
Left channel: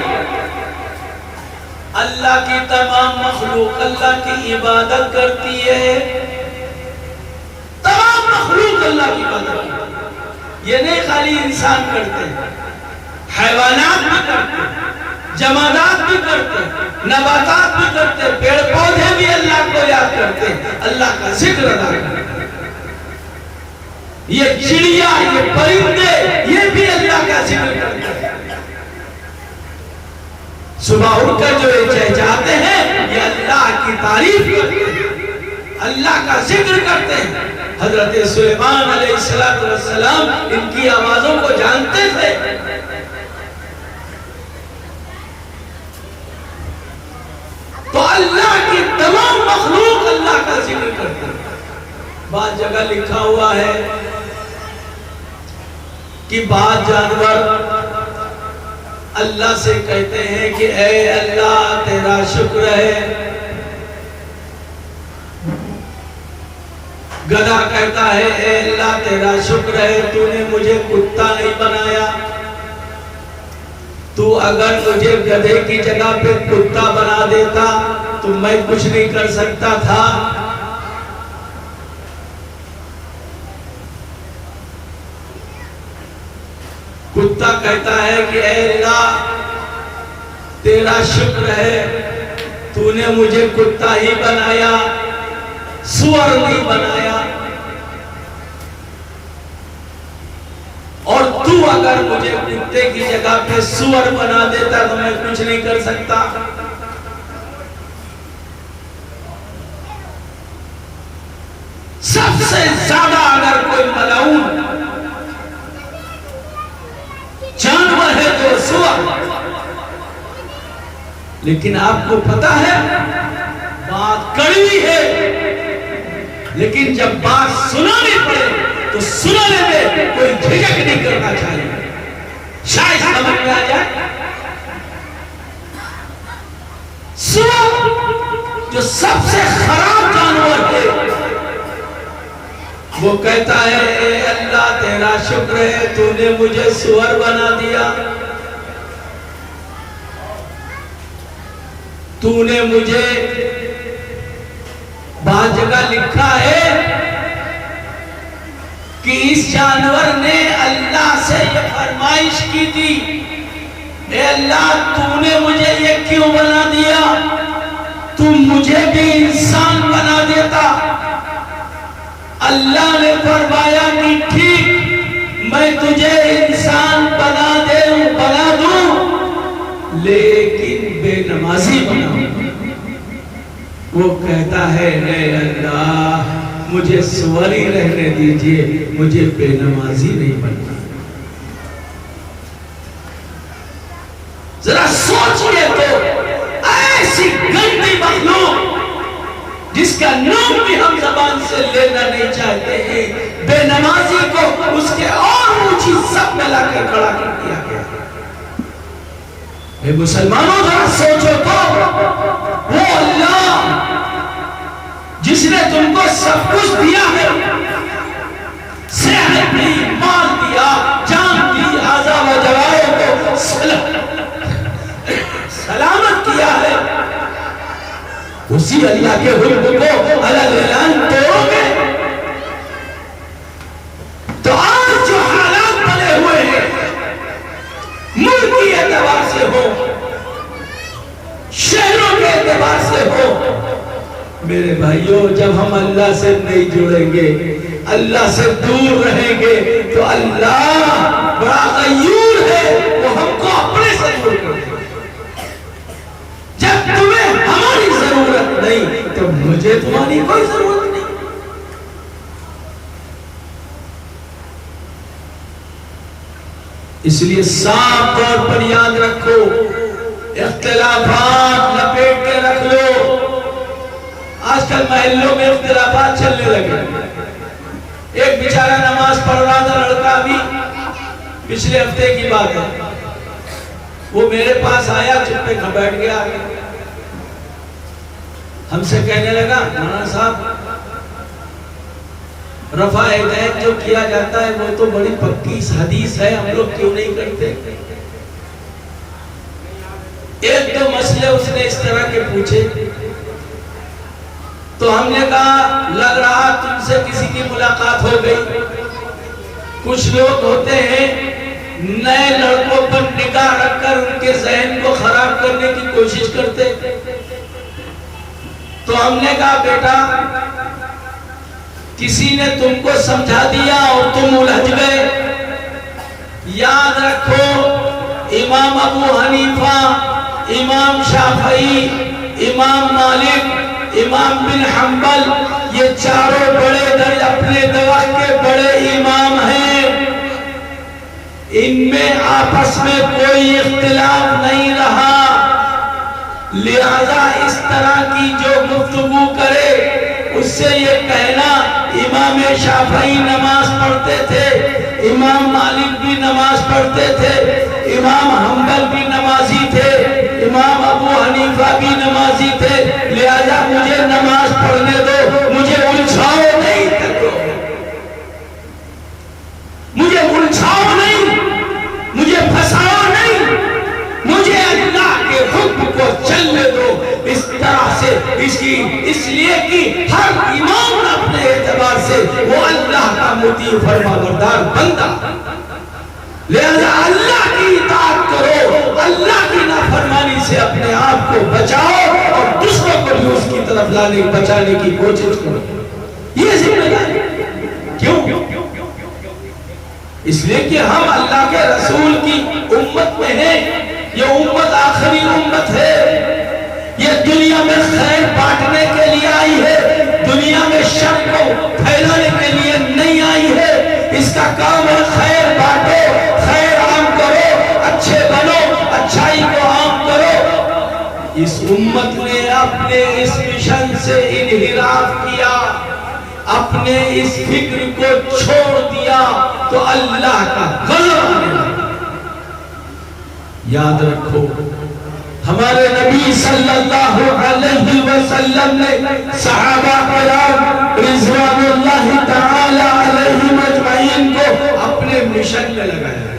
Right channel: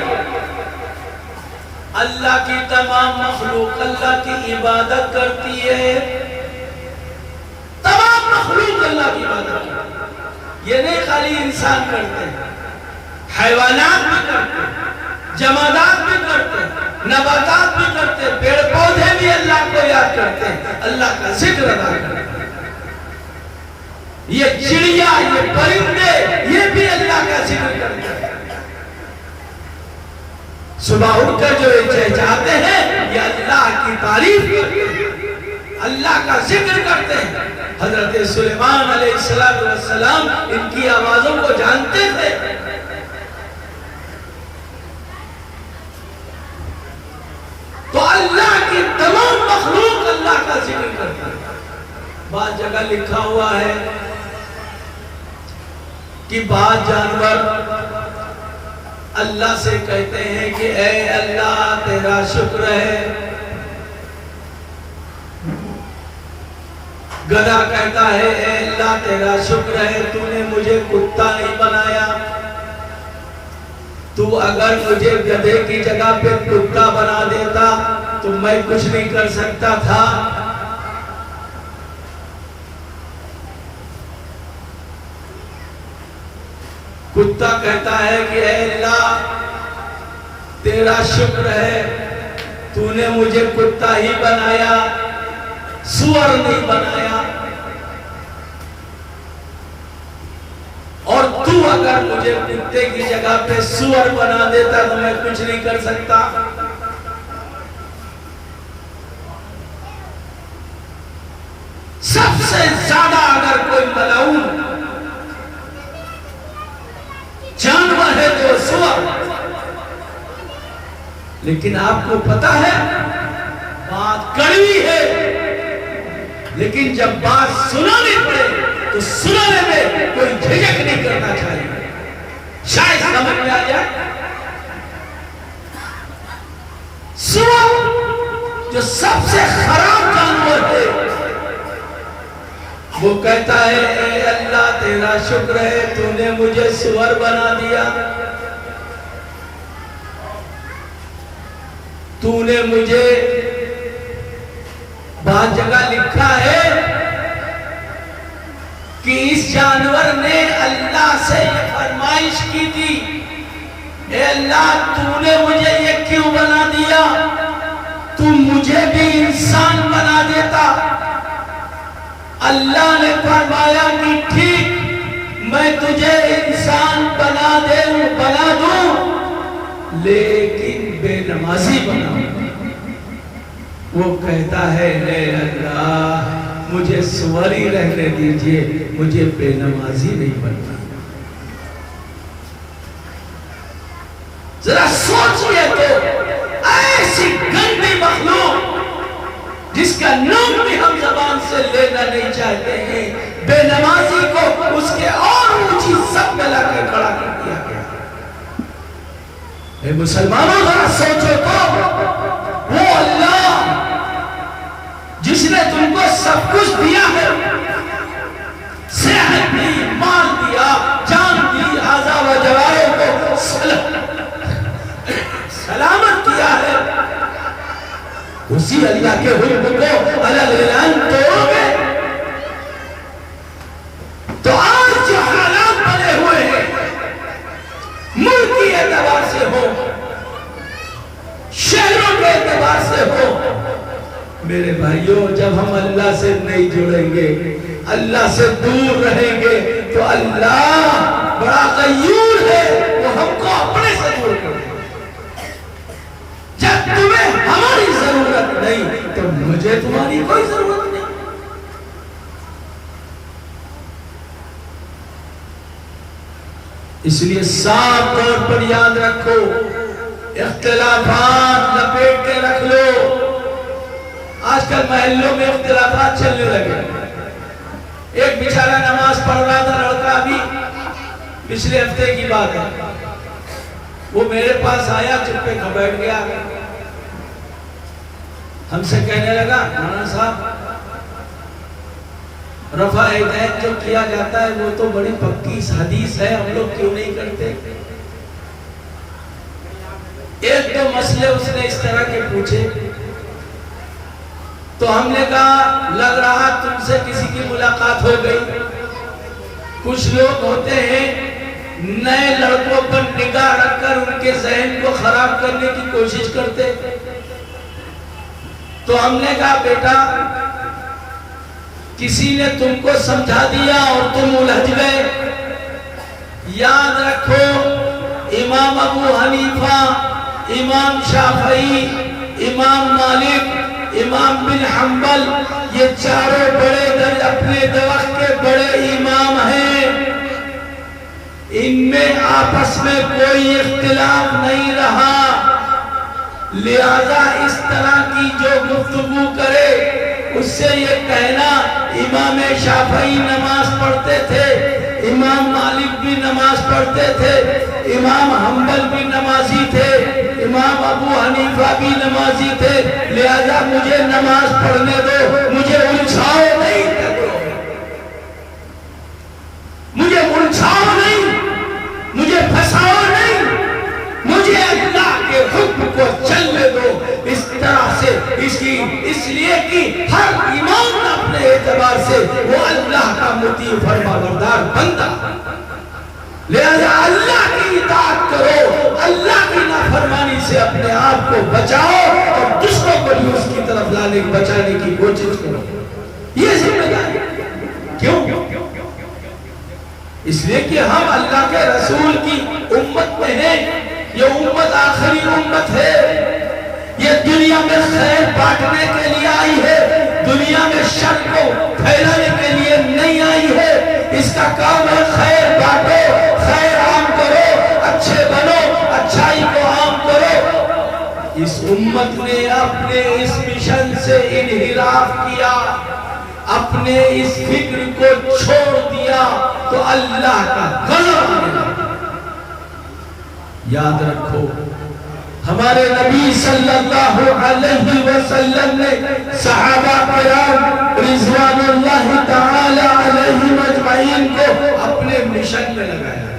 اللہ کی تمام مخلوق اللہ کی عبادت کرتی ہے، تمام مخلوق اللہ کی عبادت کرتی ہے۔ یہ نہیں خالی انسان کرتے ہیں، حیوانات بھی کرتے ہیں، جمادات بھی کرتے ہیں، نباتات بھی کرتے ہیں، پیڑ پودے بھی اللہ کو یاد کرتے ہیں، اللہ کا ذکر ادا کرتے ہیں۔ یہ چڑیا، یہ پرندے، یہ بھی اللہ کا ذکر کرتے ہیں۔ صبح اٹھ کر جو چہچہاتے ہیں یہ اللہ کی تعریف کرتے ہیں، اللہ کا ذکر کرتے ہیں۔ حضرت سلیمان علیہ السلام ان کی آوازوں کو جانتے تھے۔ تو اللہ کی تمام مخلوق اللہ کا ذکر کرتے ہیں۔ بعض جگہ لکھا ہوا ہے کہ بعض جانور اللہ سے کہتے ہیں کہ اے اللہ تیرا شکر ہے۔ گدھا کہتا ہے اے اللہ تیرا شکر ہے تو نے مجھے کتا نہیں بنایا، تو اگر مجھے گدھے کی جگہ پہ کتا بنا دیتا تو میں کچھ نہیں کر سکتا تھا۔ کتا کہتا ہے کہ اے اللہ تیرا شکر ہے تو نے مجھے کتا ہی بنایا، سور نہیں بنایا، اور تو اگر مجھے کتے کی جگہ پہ سور بنا دیتا تو میں کچھ نہیں کر سکتا۔ سب سے زیادہ اگر کوئی ملعون جانور ہے جو سور، لیکن آپ کو پتا ہے بات کڑوی ہے، لیکن جب بات سنانی پڑے تو سننے میں کوئی جھجک نہیں کرنا چاہیے. شاید سمجھ میں آ جائے. سور جو سب سے خراب جانور ہے وہ کہتا ہے اے اللہ تیرا شکر ہے تو نے مجھے سور بنا دیا, تو نے مجھے. بعض جگہ لکھا ہے کہ اس جانور نے اللہ سے یہ فرمائش کی تھی, اے اللہ تو نے مجھے یہ کیوں بنا دیا, تم مجھے بھی انسان بنا دیتا. اللہ نے فرمایا کہ ٹھیک میں تجھے انسان بنا دوں لیکن بے نمازی بناؤں. وہ کہتا ہے اے اللہ مجھے سوری رہنے دیجئے, مجھے بے نمازی نہیں بننا. ذرا سوچئے تو ایسی گندی مخلوق جس کا نام بھی ہم زبان سے لینا نہیں چاہتے ہیں, بے نمازی کو اس کے اور اونچی سب میں لا کر کھڑا کر دیا گیا. اے مسلمانوں ذرا سوچو تو وہ اللہ جس نے تم کو سب کچھ دیا ہے, صحت دی, مال دیا, جان دی, اعضاء و جوارح کو سلامت کیا ہے, اسی اللہ کے حکم کو الگ الگ توڑو گے تو آج جو حالات بنے ہوئے ہیں ملکی اعتبار سے ہو, شہروں کے اعتبار سے ہو, میرے بھائیوں جب ہم اللہ سے نہیں جڑیں گے, اللہ سے دور رہیں گے تو اللہ بڑا غیور ہے, وہ ہم کو اپنے سے دور کر دے. جب تمہیں ہماری ضرورت نہیں تو مجھے تمہاری کوئی ضرورت نہیں. اس لیے صاف طور پر یاد رکھو, اختلافات لپیٹ کے رکھ لو. آج کل محلوں میں اختلافات چلنے لگے. ایک بیچارہ نماز پڑھ رہا تھا لڑکا, بھی پچھلے ہفتے کی بات ہے, وہ میرے پاس آیا, چپے کھا بیٹھ گیا, ہم سے کہنے لگا مولانا صاحب رفع یدین جو کیا جاتا ہے وہ تو بڑی پکی حدیث ہے, ہم لوگ کیوں نہیں کرتے. ایک دو مسئلے اس نے اس طرح کے پوچھے تو ہم نے کہا لگ رہا تم سے کسی کی ملاقات ہو گئی. کچھ لوگ ہوتے ہیں نئے لڑکوں پر نگاہ رکھ کر ان کے ذہن کو خراب کرنے کی کوشش کرتے. تو ہم نے کہا بیٹا کسی نے تم کو سمجھا دیا اور تم الجھ گئے. یاد رکھو امام ابو حنیفہ, امام شافعی, امام مالک, امام بن حنبل, یہ چاروں بڑے اپنے وقت کے بڑے امام ہیں. ان میں آپس میں کوئی اختلاف نہیں رہا, لہذا اس طرح کی جو گفتگو کرے اس سے یہ کہنا امام شافعی نماز پڑھتے تھے, امام مالک بھی نماز پڑھتے تھے, امام حنبل بھی نمازی تھے, امام ابو حنیفہ بھی نمازی تھے, لہذا مجھے نماز پڑھنے دو, مجھے الجھاؤ نہیں کرو, مجھے الجھاؤ نہیں, مجھے پھنساؤ نہیں, مجھے اللہ کے حکم کو چلنے دو. اس طرح سے اس لیے کہ ہر امام اپنے اعتبار سے وہ اللہ کا مطیع فرما بردار بندہ, لہذا اللہ کی اطاعت کرو, اللہ کی نافرمانی سے اپنے آپ کو بچاؤ اور دوسروں کو بھی اس کی طرف بچانے کی کوشش کرو. یہ ذمہ داری کیوں؟ اس لیے کہ ہم اللہ کے رسول کی امت میں ہیں. یہ امت آخری امت ہے, یہ دنیا میں خیر بانٹنے کے لیے آئی ہے, دنیا میں شر کو پھیلانے کے لیے نہیں آئی ہے. اس کا کام ہے خیر بانٹو, خیر عام کرو, اچھے بنو, اچھائی کو عام کرو. اس امت نے اپنے اس مشن سے انحراف کیا, اپنے اس فکر کو چھوڑ دیا تو اللہ کا غضب آنے لگا۔ یاد رکھو ہمارے نبی صلی اللہ علیہ وسلم نے صحابہ کرام رضوان اللہ تعالی علیہم اجمعین کو اپنے مشن میں لگایا۔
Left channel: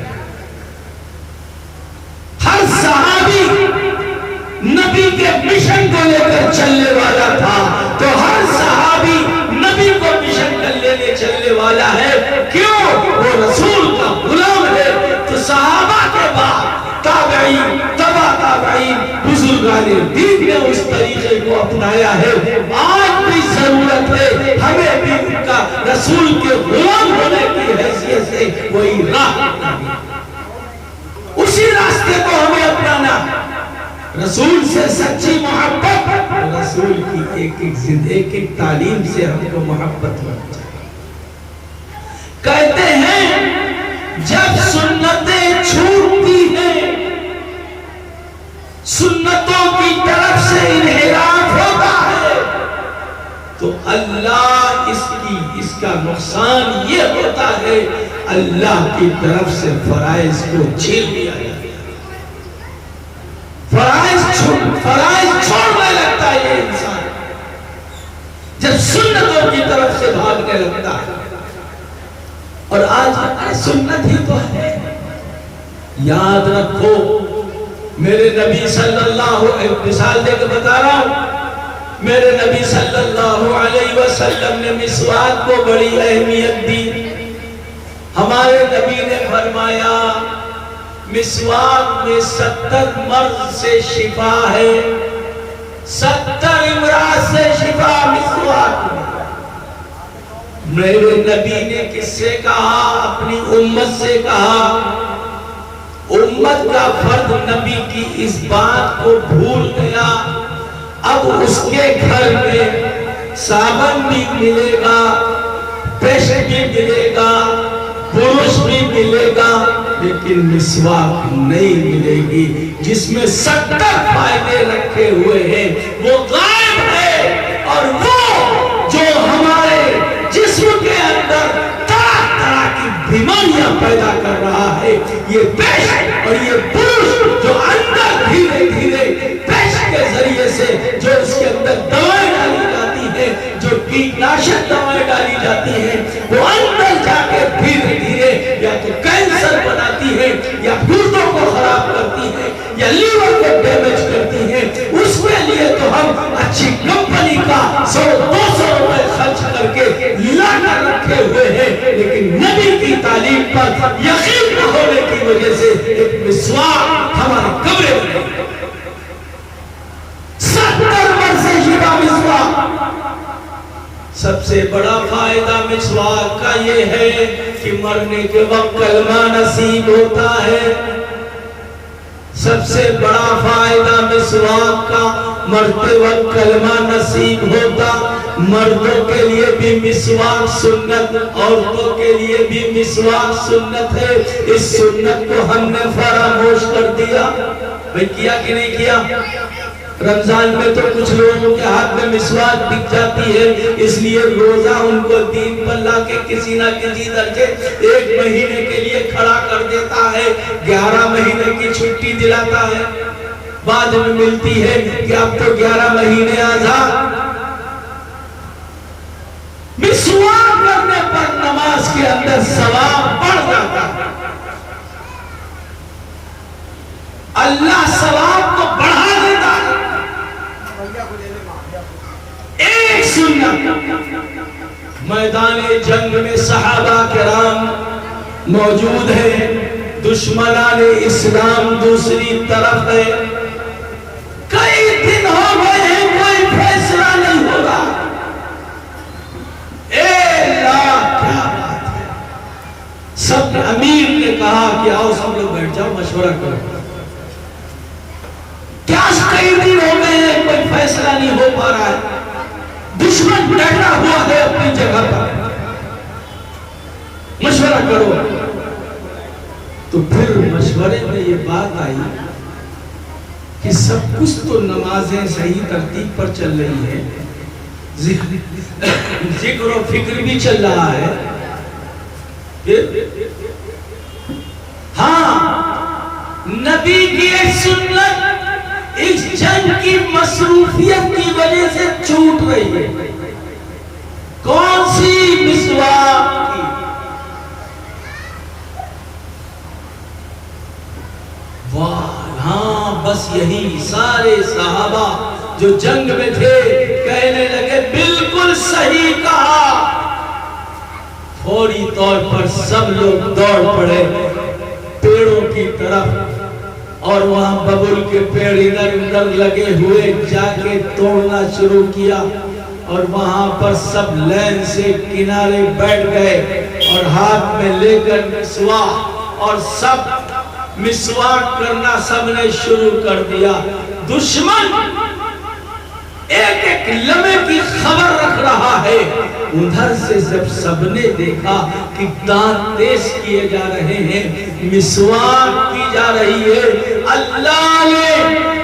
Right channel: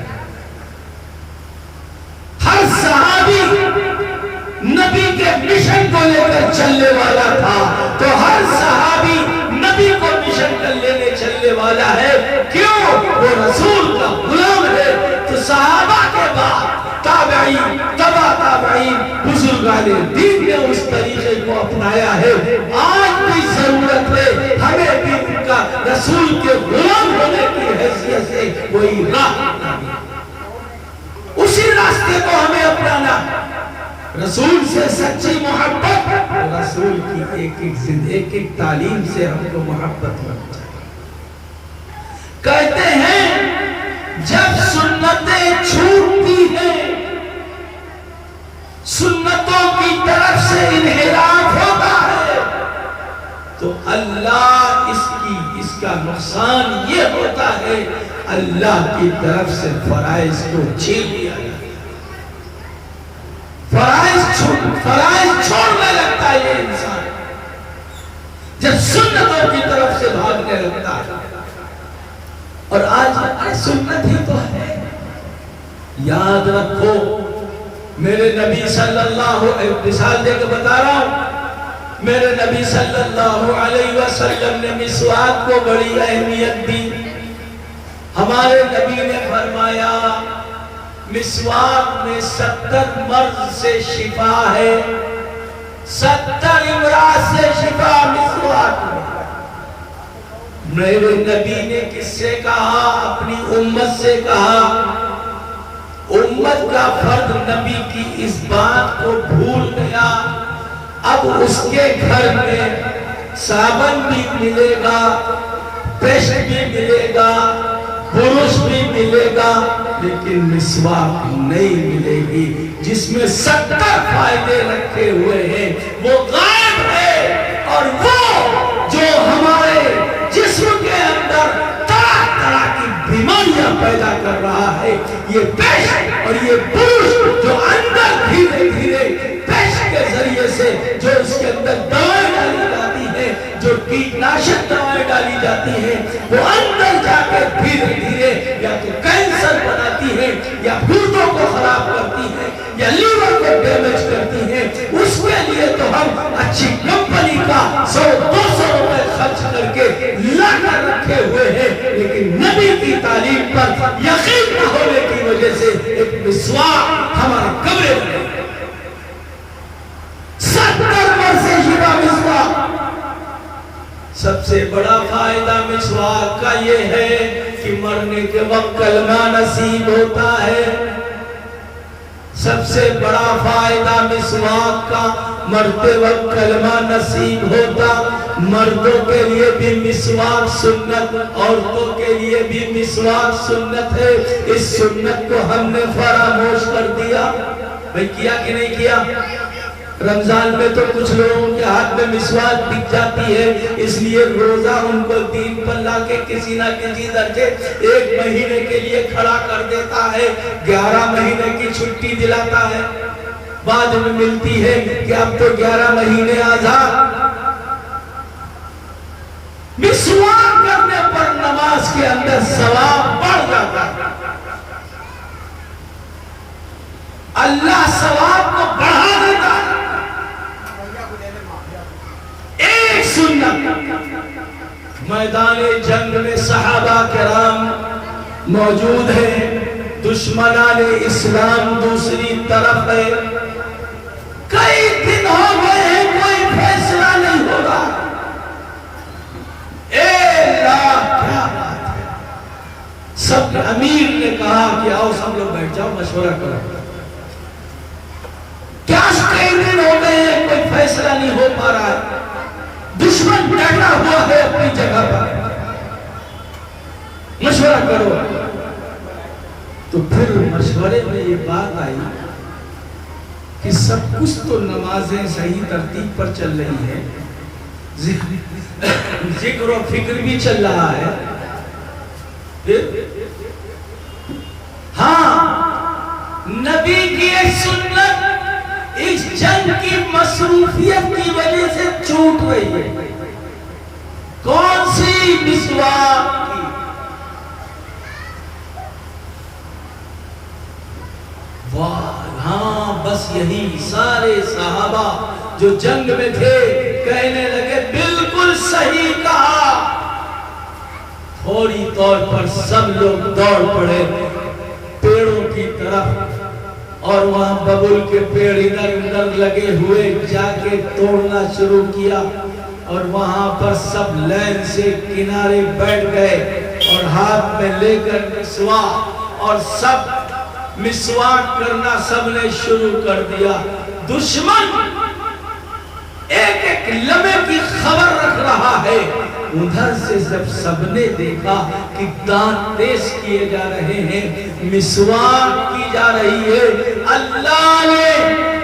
ہر صحابی نبی کے مشن کو لے کر چلنے والا تھا، تو ہر صحابی نبی کو مشن کر لینے چلنے والا ہے۔ کیوں؟ وہ رسول کا غلام ہے۔ تو صحابہ کے بعد تابعین، تبع تابعین، بزرگان دین نے اس طریقے کو اپنایا ہے۔ آج بھی ضرورت ہے ہمیں بھی ان کا رسول کے غلام ہونے کی حیثیت سے کوئی راہ اپنانی، اسی راستے کو ہمیں اپنانا۔ رسول سے سچی محبت، رسول کی ایک ایک تعلیم سے ہم کو محبت بن جائے۔ کہتے ہیں جب سنتیں چھوٹتی ہیں، سنتوں کی طرف سے انحراف ہوتا ہے، تو اللہ اس کا نقصان یہ ہوتا ہے اللہ کی طرف سے فرائض کو چھین لیا جاتا ہے۔ فرائض چھوڑنے لگتا ہے یہ انسان جب سنتوں کی طرف سے بھاگنے لگتا ہے۔ اور آج سنت ہی تو ہے۔ یاد رکھو میرے نبی صلی اللہ علیہ مثال دے کے بتا رہا ہوں، میرے نبی صلی اللہ علیہ وسلم نے مسواک کو بڑی اہمیت دی۔ ہمارے نبی نے فرمایا مسواک میں 70 مرض سے شفا ہے، 70 امراض سے شفا مسواک میں۔ میرے نبی نے کس سے کہا؟ اپنی امت سے کہا۔ امت کا فرد نبی کی اس بات کو بھول گیا۔ اب اس کے گھر میں صابن بھی ملے گا، پیسٹ بھی ملے گا، برش بھی ملے گا، لیکن مسواک نہیں ملے گی جس میں 70 فائدے رکھے ہوئے ہیں، وہ غائب ہے۔ اور وہ جو ہمارے جسم کے اندر طرح طرح کی بیماریاں پیدا کر رہا ہے، یہ پیسٹ اور یہ برش جو اندر دھیرے دھیرے پیسٹ کے ذریعے سے جو اس کے اندر دوائیں ڈالی جاتی ہیں، جو کیٹناشک دوائیں ڈالی جاتی ہیں، وہ اندر جا کے دھیرے دھیرے یا تو کینسر بناتی ہے، یا گردوں کو خراب کرتی ہے، یا لیور کو ڈیمیج کرتی ہے۔ اس کے لیے تو ہم اچھی کمپنی کا 100-200 روپے خرچ کر کے لا کر رکھے ہوئے ہیں، لیکن نبی کی تعلیم پر یقین نہ ہونے کی وجہ سے ایک مسواک ہمارے کمرے میں نہیں۔ 70 مرض سے شفا مسواک۔ سب سے بڑا فائدہ مسواک کا یہ ہے کہ مرنے کے وقت کلمہ نصیب ہوتا ہے۔ سب سے بڑا فائدہ مسواک کا، مرتے وقت کلمہ نصیب ہوتا۔ مردوں کے لیے بھی مسواک سنت، عورتوں کے لیے بھی مسواک سنت ہے۔ اس سنت کو ہم نے فراموش کر دیا۔ بھئی کیا کہ نہیں کیا؟ رمضان میں تو کچھ لوگوں کے ہاتھ میں مسواک دکھ جاتی ہے، اس لیے روزہ ان کو دین پر لا کے کسی نہ کسی درجے 1 مہینے کے لیے کھڑا کر دیتا ہے، 11 مہینے کی چھٹی دلاتا ہے، بعد میں ملتی ہے کہ اب تو 11 مہینے آزاد۔ مسواک کرنے پر نماز کے اندر ثواب بڑھ جاتا ہے، اللہ ثواب کو بڑھا دیتا ہے۔ ایک سنت میدان جنگ میں صحابہ کرام موجود ہیں، دشمنان اسلام دوسری طرف ہے، کئی دن ہو گئے ہیں کوئی فیصلہ نہیں ہو رہا۔ کیا بات ہے! سب امیر نے کہا کہ آؤ سب لوگ بیٹھ جاؤ، مشورہ کرو۔ کیا کئی دن ہو گئے ہیں کوئی فیصلہ نہیں ہو پا رہا ہے، دشمن ڈٹا ہوا ہے اپنی جگہ پر، مشورہ کرو۔ تو پھر مشورے میں یہ بات آئی کہ سب کچھ تو نمازیں صحیح ترتیب پر چل رہی ہے، ذکر و فکر بھی چل رہا ہے. ہاں نبی کی ایک سنت اس جنگ کی مصروفیت کی وجہ سے چھوٹ رہی ہے. کون سی؟ مسواک کی. ہاں بس یہی سارے صحابہ جو جنگ میں تھے کہنے لگے بالکل صحیح کہا. فوری طور پر سب لوگ دوڑ پڑے پیڑوں کی طرف اور وہاں ببول کے پیڑ ادھر ادھر لگے ہوئے جا کے توڑنا شروع کیا اور وہاں پر سب لین سے کنارے بیٹھ گئے اور ہاتھ میں لے کر مسواک اور سب مسواک کرنا سب نے شروع کر دیا. دشمن ایک ایک لمحے کی خبر رکھ رہا ہے. ادھر سے جب سب نے دیکھا کہ دانت تیز کیے جا رہے ہیں مسواک کی جا رہی ہے اللہ نے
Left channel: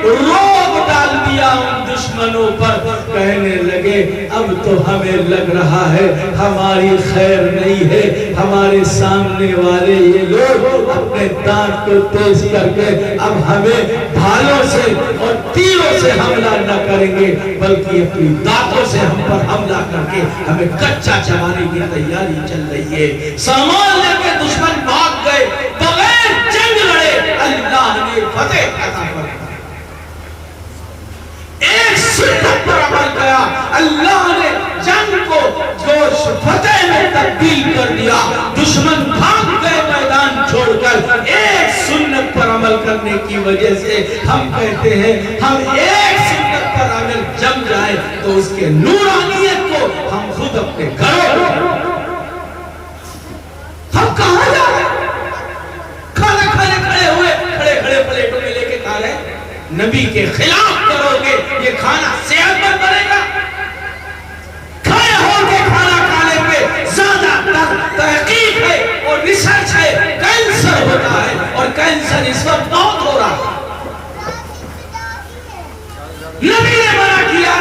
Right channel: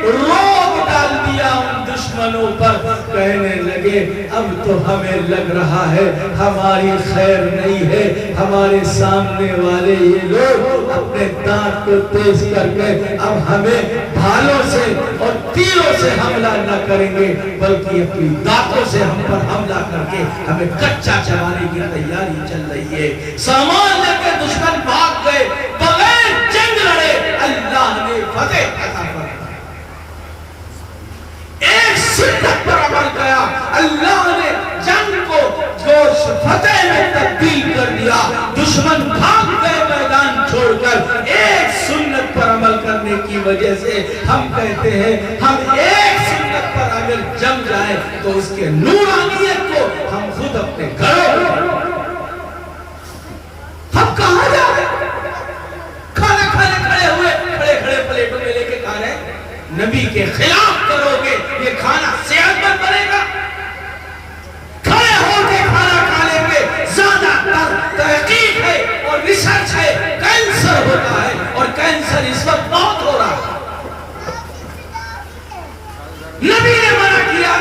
روب ڈال دیا ان دشمنوں پر. کہنے لگے اب تو ہمیں لگ رہا ہے ہماری خیر نہیں ہے. ہمارے سامنے والے یہ لوگ اپنے دانت کو تیز کر کے اب ہمیں بھالوں سے اور تیروں سے حملہ نہ کریں گے بلکہ اپنی دانتوں سے ہم پر حملہ کر کے ہمیں کچا چبانے کی تیاری چل رہی ہے. سامان لے کے دشمن بھاگ گئے بغیر جنگ لڑے اللہ نے فتح عطا فرمائی. ایک سنت پر عمل کیا اللہ نے جنگ کو جوش فتح میں تبدیل کر دیا. دشمن بھاگ گئے میدان چھوڑ کر. ایک سنت پر عمل کرنے کی وجہ سے ہم کہتے ہیں ہم ایک سنت پر اگر جم جائیں تو اس کے نورانیت کو ہم خود اپنے گھروں ہم کہاں جا رہے کھانا کھانے کھڑے ہوئے کھڑے کھڑے پلیٹوں میں لے کے کھا رہے. نبی کے خلاف کرو گے یہ کھانا صحت مند بنے گا. کھڑے ہو کے کھانا کھانے پہ زیادہ تر تحقیق ہے اور ریسرچ ہے. کینسر ہوتا ہے اور کینسر اس وقت بہت ہو رہا ہے. نبی نے منع کیا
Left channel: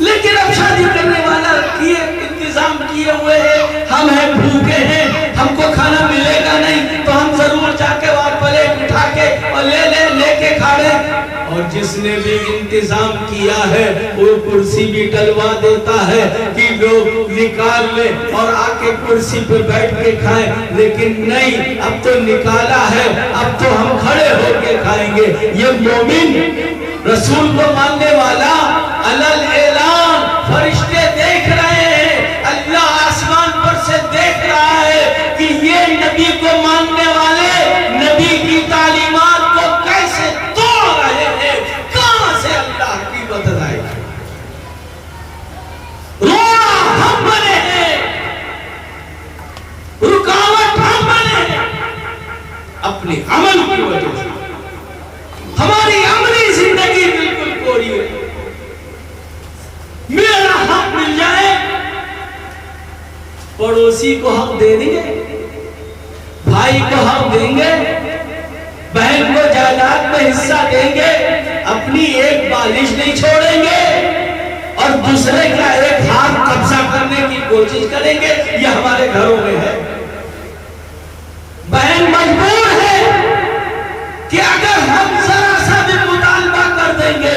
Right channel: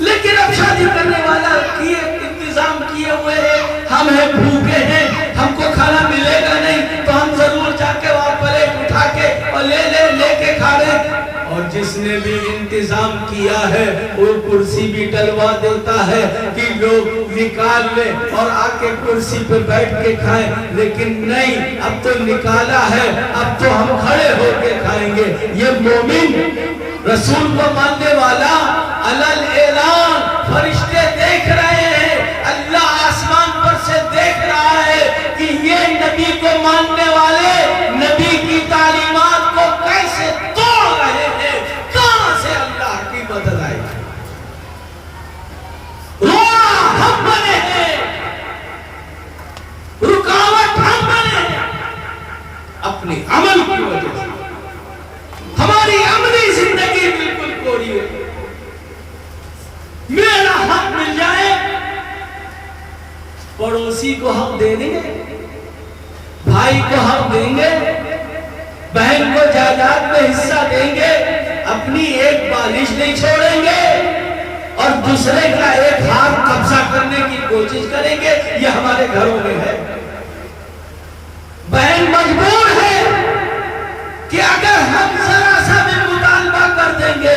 لیکن اب شادی کرنے والا کیے انتظام کیے ہوئے ہیں. ہم ہیں بھوکے ہیں ہم کو کھانا ملے گا نہیں تو ہم ضرور جا کے وہاں پلیٹ اٹھا کے اور لے کے کھا رہے. اور جس نے بھی انتظام کیا ہے وہ کرسی بھی ڈلوا دیتا ہے کہ لوگ نکال لیں اور آ کے کرسی پہ بیٹھ کے کھائیں. لیکن نہیں اب تو نکالا ہے اب تو ہم کھڑے ہو کے کھائیں گے. یہ مومن رسول کو ماننے والا علل اعلان فرشتے دیکھ رہے ہیں. اللہ آسمان پر سے دیکھ رہا ہے کہ یہ نبی کو ماننے والے نبی کی تعلیمات کو کیسے توڑ رہے ہیں. کہاں سے اللہ کی مدد آئے گی. رونا ہم بنے ہیں رکاوٹ ہم بنے ہیں اپنے عمل کی وجہ سے. ہماری عملی زندگی بالکل کوری ہے. میرا حق مل جائے پڑوسی کو حق دے دیں گے بھائی کو حق دیں گے بہن کو جائیداد میں حصہ دیں گے اپنی ایک بالش نہیں چھوڑیں گے اور دوسرے کا ایک ہاتھ قبضہ کرنے کی کوشش کریں گے. یہ ہمارے گھروں میں ہے. بہن مجبور ہے کہ اگر ہم ذرا سا بھی مطالبہ کر دیں گے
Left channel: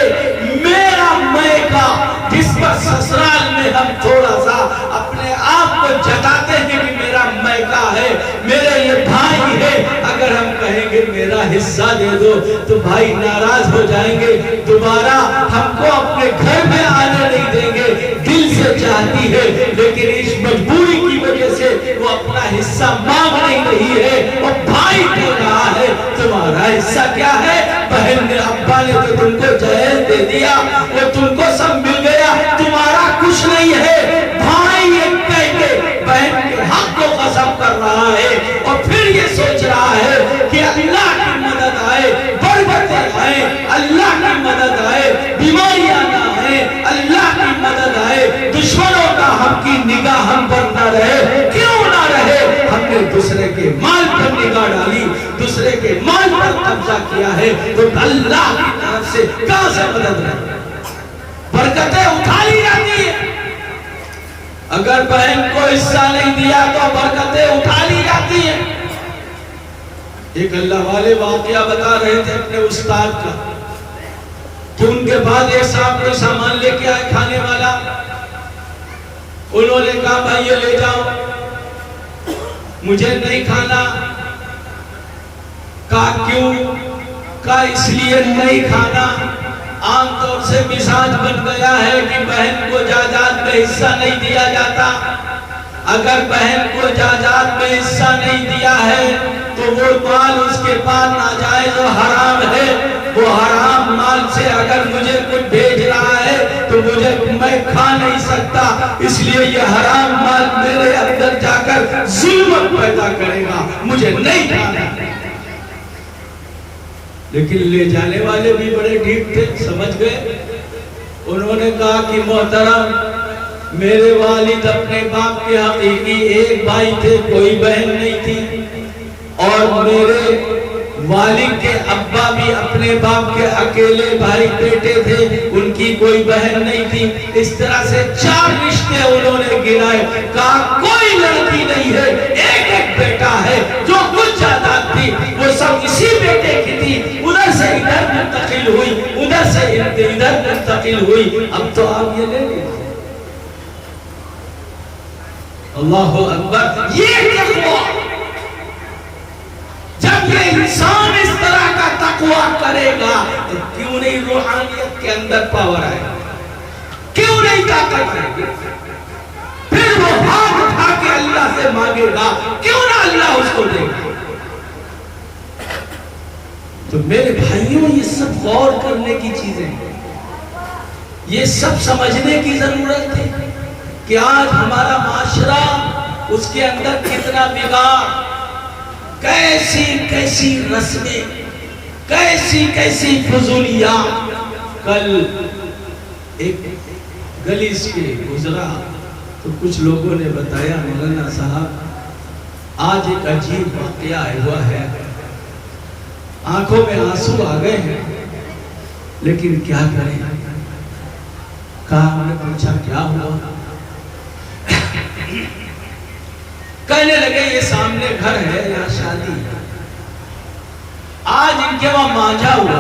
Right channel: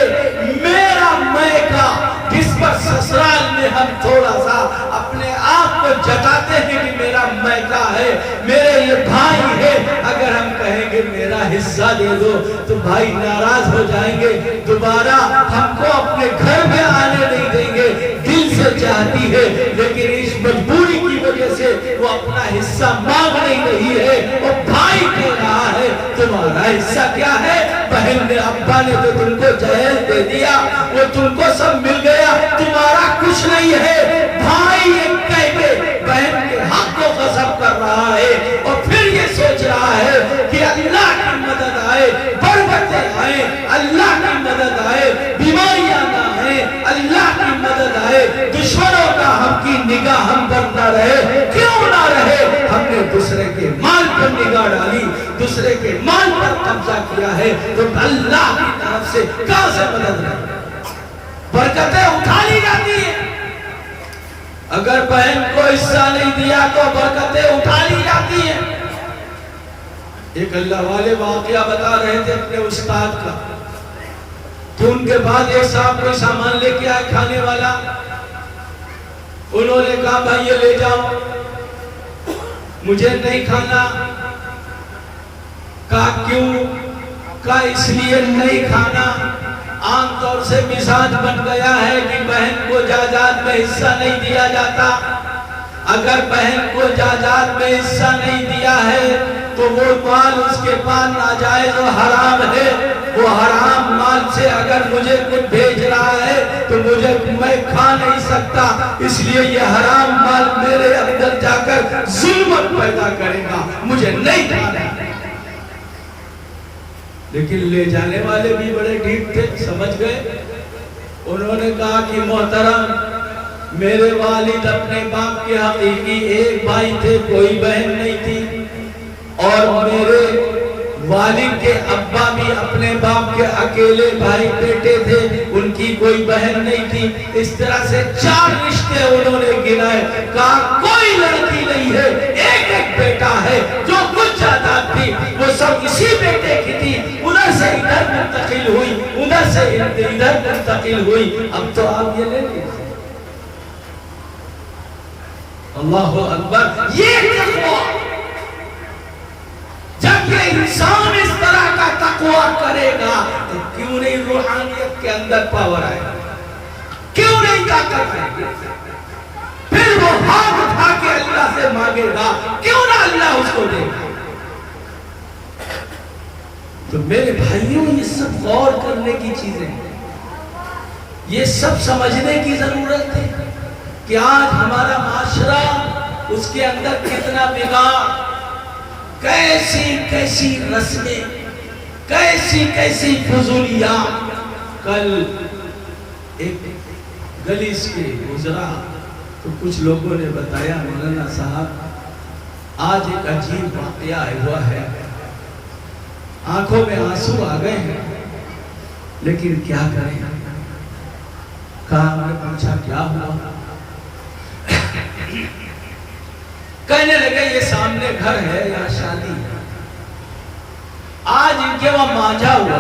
میرا میکا جس پر سسرال میں ہم تھوڑا سا اپنے آپ کو جتاتے ہیں کہ میرا میکا ہے میرے یہ بھائی ہے اگر ہم کہیں گے میرا حصہ دے دو تو بھائی ناراض ہو جائیں گے. دوبارہ ہم کو اپنے گھر میں آنے نہیں دیں گے. دل سے چاہتی ہے لیکن اس مجبوری کی وجہ سے وہ اپنا حصہ مانگ نہیں رہی ہے. وہ بھائی دے رہا ہے. تمہارا حصہ کیا ہے؟ بہن نے ابا نے تو تم کو جہیز دے دیا وہ تم کو سب مل گیا تمہارا کچھ نہیں ہے. بھائی ایک کہہ کے بہن کے حق کو غصب کر رہا ہے اور پھر یہ سوچ رہا ہے کہ اللہ کی مدد آئے بربتیں آئے اللہ کی مدد آئے بیماریاں نہ آئے اللہ کی مدد آئے دشمنوں کا ہم کی نگاہ ہم پر نہ رہے. کیوں نہ رہے؟ ہم نے دوسرے کے مال پر نگاہ ڈالی دوسرے کے مال پر قبضہ کیا ہے تو اللہ کی طرف سے کہاں سے مدد رہے. برکتیں اٹھا لی جاتی ہیں. اگر بہن کو حصہ نہیں دیا تو برکتیں اٹھا لی جاتی ہیں. ایک اللہ والے واقعہ بتا رہے تھے اپنے استاد کا کہ ان کے بعد ایک صاحب کوئی سامان لے کے آئے کھانے والا. انہوں نے کہا بھائی یہ لے جاؤ, مجھے نہیں کھانا. کہا کیوں؟ کہا اس لیے نہیں کھانا, عام طور سے مزاج بن گیا ہے کہ بہن کو جائیداد میں حصہ نہیں دیا جاتا. اگر بہن کو جائیداد میں حصہ نہیں دیا ہے تو وہ مال اس کے پاس ناجائز و حرام ہے. وہ حرام مال سے اگر مجھے کچھ بھیج رہا ہے تو میں کھا نہیں سکتا, اس لیے یہ حرام مال میرے اندر جا کر ظلمت پیدا کرے گا, مجھے نہیں کھانا. لیکن لے جانے والے بھی بڑے ڈھیٹ تھے, سمجھ گئے. انہوں نے کہا کہ محترم, میرے والد اپنے باپ کے حقیقی ایک بھائی تھے, کوئی بہن نہیں تھی, اور میرے والد کے ابا بھی اپنے باپ کے اکیلے بھائی بیٹے تھے, ان کی کوئی بہن نہیں تھی. اس طرح سے 4 رشتے انہوں نے گنائے. کہا کوئی لڑکی نہیں ہے, ایک ایک بیٹا ہے. جو کچھ جائیداد تھی وہ سب اسی بیٹے کی تھی. ادھر سے ادھر منتقل ہوئی, ادھر سے ادھر منتقل ہوئی. اب تو آپ یہ لے لیجیے. اللہ اکبر. یہ تقویٰ, جب یہ انسان اس طرح کا تقویٰ کرے گا تو کیوں نہیں روحانیت کے اندر پاور آئے, کیوں نہیں طاقت آئے گی. پھر وہ ہاتھ اٹھا کے اللہ سے مانگے گا, کیوں نہ اللہ اس کو دے گا. تو میرے بھائیوں, یہ سب غور کرنے کی چیزیں ہیں, یہ سب سمجھنے کی ضرورت ہے کہ آج ہمارا معاشرہ, اس کے اندر کتنا بگاڑ, کیسی کیسی رسمیں, کیسی کیسی فضولیات. کل ایک گلی سے گزرا تو کچھ لوگوں نے بتایا, مولانا صاحب آج ایک عجیب واقعہ ہوا ہے. آنکھوں میں آنسو آ گئے ہیں, لیکن کیا کریں. کہا, ہم نے پوچھا کیا ہوا؟ کہنے لگے یہ سامنے گھر ہے, یہاں شادی ہے. آج ان کے وہاں مانجھا ہوا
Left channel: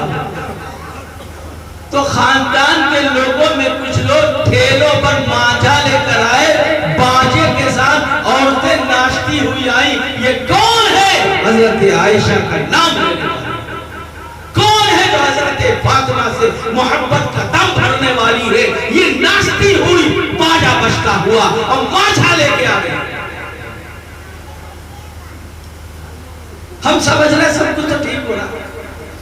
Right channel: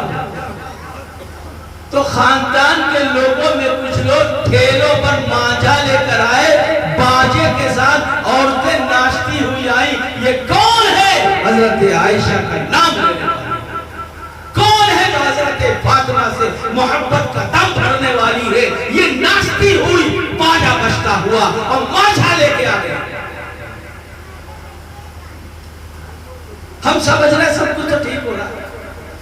تو خاندان کے لوگوں میں کچھ لوگ ٹھیلوں پر مانجھا لے کر آئے, باجے کے ساتھ عورتیں ناشتی ہوئی آئیں. یہ کون ہے؟ حضرت عائشہ کا نام لے کر. کون ہے جو حضرت فاطمہ سے محبت کا دم بھرنے والی ہے؟ یہ ناشتی ہوئی, باجا بجتا ہوا اور مانجھا لے کے آ گئے. ہم سمجھ رہے سب کچھ تو ٹھیک ہو رہا,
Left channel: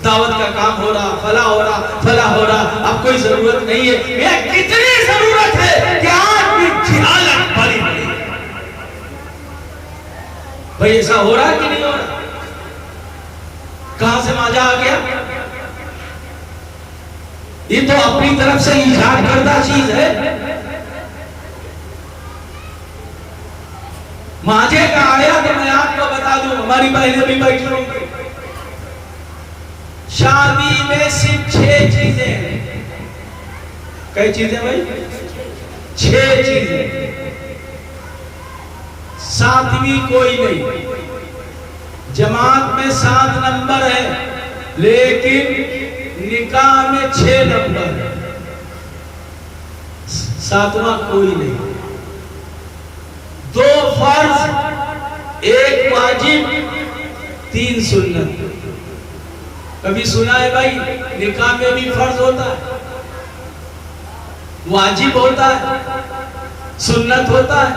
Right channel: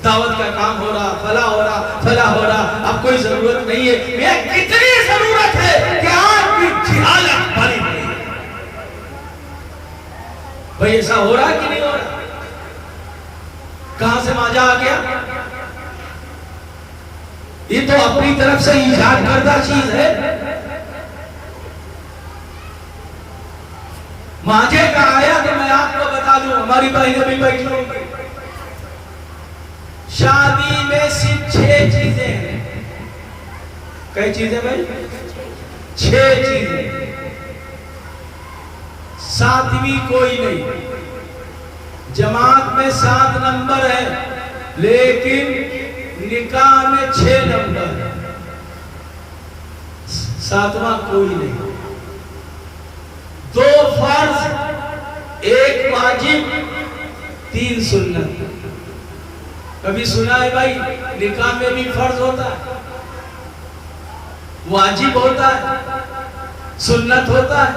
دعوت کا کام ہو رہا, فلاں ہو رہا, فلاں ہو رہا. اب کوئی ضرورت نہیں ہے. یہ کتنی ضرورت ہے کہ آج بھی جہالت بڑی بڑی. بھئی ایسا ہو رہا کہ نہیں ہو رہا؟ کہاں سے مانجھا آ گیا؟ یہ تو اپنی طرف سے ایجاد کردہ چیز ہے. مانجھے کا آیا تو میں آپ کو بتا دوں, ہماری بہنیں بھی بیٹھی ہوں گی. شادی میں صرف 6 چیزیں ہیں. کئی چیزیں بھائی؟ 6 چیزیں. 7ویں کوئی نہیں. جماعت میں 7 نمبر ہے, لیکن نکاح میں 6 نمبر. 7واں کوئی نہیں. 2 فرض, 1 واجب, 3 سنت. کبھی سنا ہے بھائی نکاح میں بھی فرض ہوتا ہے, واجب ہوتا ہے, سنت ہوتا ہے.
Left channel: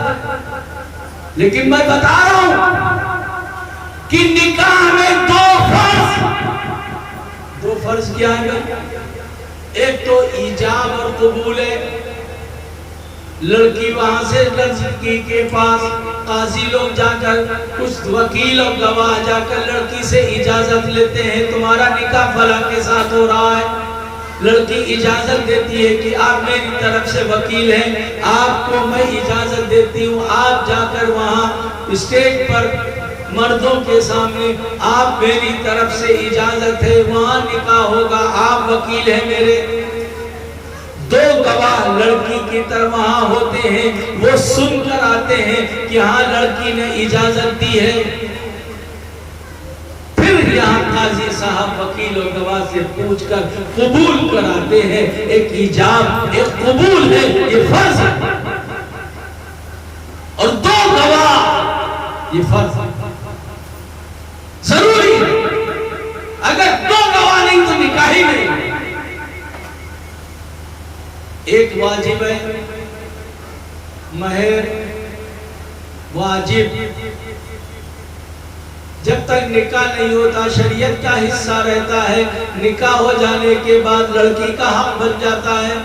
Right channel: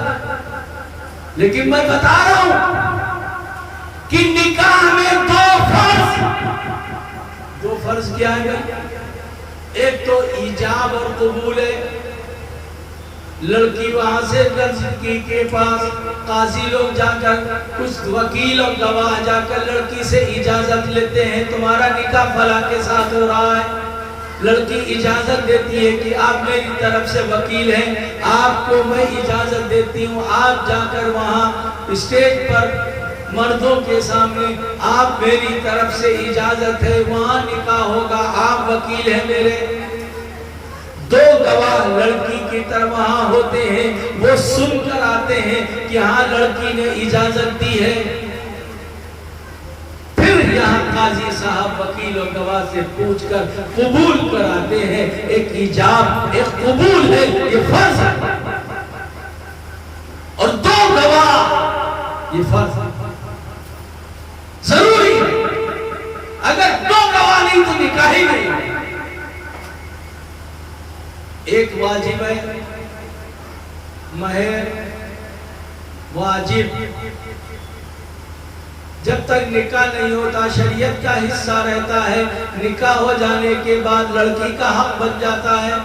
لیکن میں بتا رہا ہوں کہ نکاح میں 2 فرض کیا ہے؟ ایک تو ایجاب اور قبول ہے. لڑکی وہاں سے لڑکی کے پاس قاضی لوگ جا کر, کچھ وکیل اور گواہ جا کر لڑکی سے اجازت لیتے ہیں, تمہارا نکاح فلاں کے ساتھ ہو رہا ہے. لڑکی اجازت دیتی ہے کہ آپ میری طرف سے وکیل ہیں, آپ کو میں اجازت دیتی ہوں, آپ جا کر وہاں اسٹیج پر مردوں کے سامنے آپ میری طرف سے اجازت ہے, وہاں نکاح ہوگا, آپ وکیل ہیں میرے. دو گواہ لڑکی کی طرف وہاں ہوتے ہیں، وہ سن کر آتے ہیں کہ ہاں لڑکی نے اجازت دی ہے. پھر یہاں قاضی صاحب وکیل و گواہ سے پوچھ کر قبول کراتے ہیں. ایک ایجاب، ایک قبول ہے، یہ فرض ہے. اور دو گواہ، یہ فرض ہے، ضروری ہے. اگر دو گواہ نہیں تو نکاح ہی نہیں. ایک واجب ہے مہر، واجب. جب تک نکاح نہیں ہوتا شریعت کا حصہ رہتا ہے. نکاح ہو جانے کے بعد لڑکی کا حق بن جاتا ہے.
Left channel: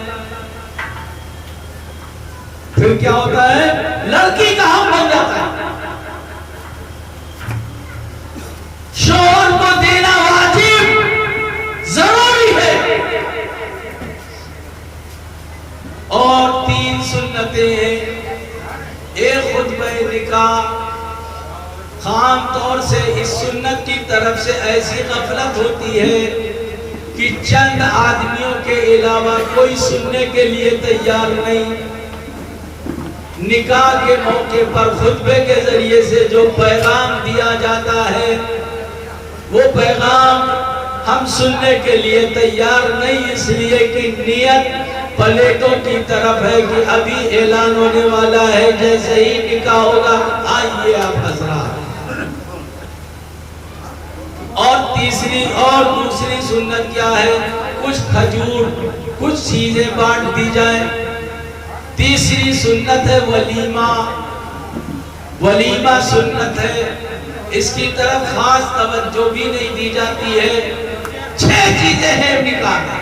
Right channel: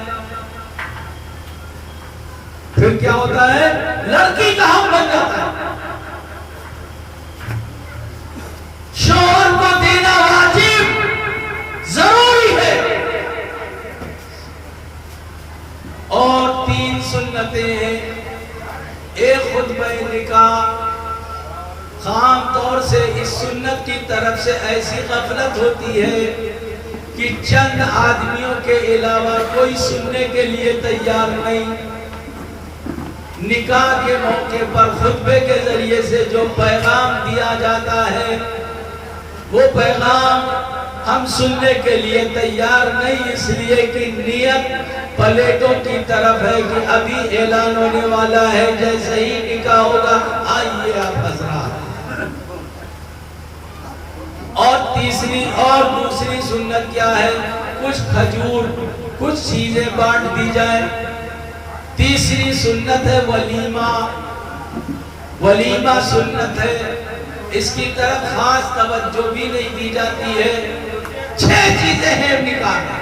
پھر کیا ہوتا ہے؟ لڑکی کا حق بن جاتا ہے. شوہر کو دینا واجب، ضروری ہے. اور 3 سنتیں ہیں. ایک خطبہ نکاح. عام طور سے اس سنت کی طرف سے ایسی غفلت ہوتی ہے کہ چند آدمیوں کے علاوہ کوئی سننے کے لیے تیار نہیں. نکاح کے موقع پر خطبے کے ذریعے سے جو پیغام دیا جاتا ہے وہ پیغام ہم سننے کے لیے تیار نہیں، اس لیے کہ نیت پلیٹوں کی طرف ہے کہ ابھی اعلان ہونے والا ہے، جیسے ہی نکاح ہوگا آئیے آپ حضرات. اور تیسری اور دوسری سنت کیا ہے؟ کچھ کھجور، کچھ چیزیں بانٹ دی جائیں. تیسری سنت ہے ولیمہ. ولیمہ سنت ہے، اس کی طرف خاص توجہ بھی نہیں دی جاتی ہے. 6 چیزیں ہیں نکاح میں،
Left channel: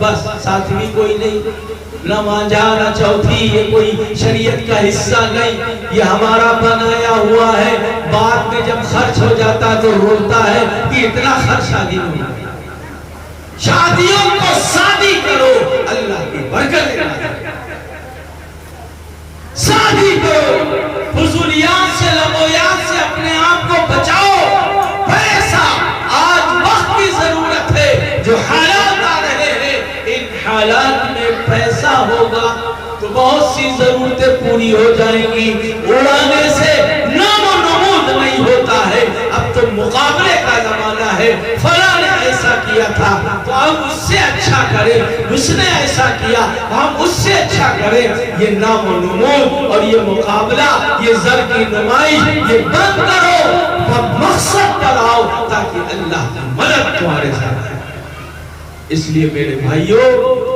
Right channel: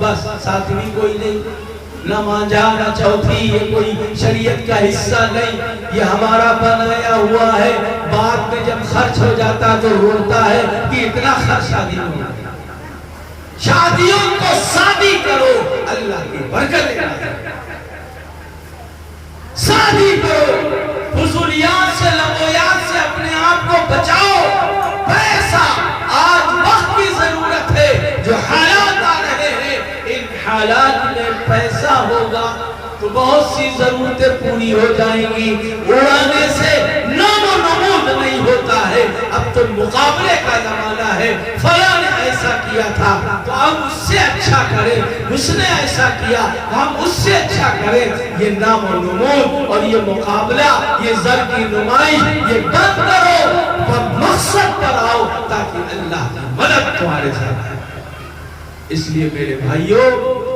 بس ساتویں کوئی نہیں. نہ مانجا نہ چوتھی، یہ کوئی شریعت کا حصہ نہیں، یہ ہمارا بنایا ہوا ہے. بعد میں جب خرچ ہو جاتا تو روتا ہے کہ اتنا خرچ شادی میں ہوتا ہے. شادیوں کو شادی کرو، اللہ کی برکت ہے. شادی کرو، فضولیات سے لغویات سے اپنے آپ کو بچاؤ. پیسہ آج وقت کی ضرورت ہے. جو حالات آ رہے ہیں، ان حالات میں پیسہ ہوگا تو بہت سی ضرورتیں پوری ہو جائیں گی. اڑانے سے نام و نمود نہیں ہوتا ہے. اب تو مقابلے کا زمانہ ہے. فلاں نے ایسا کیا تھا تو ہم اس سے اچھا کریں، اس نے ایسا کیا ہم اس سے اچھا کریں. یہ نام و نمود اور یہ مقابلہ، یہ زر کی نمائش، یہ بند کرو اور مقصد پر آؤ تاکہ اللہ کی مدد تمہارے ساتھ ہے. اس لیے میرے بھائیوں،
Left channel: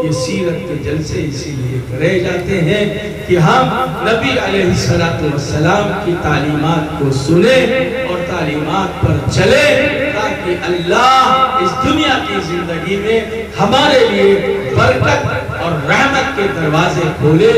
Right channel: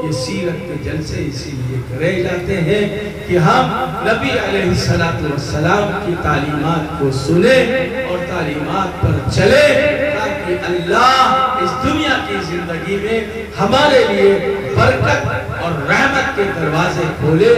یہ سیرت کے جلسے اسی لیے کرے جاتے ہیں کہ ہم نبی علیہ السلام کی تعلیمات کو سنیں اور تعلیمات پر چلیں تاکہ اللہ اس دنیا کی زندگی میں ہمارے لیے برکت اور رحمت کے دروازے کھولے.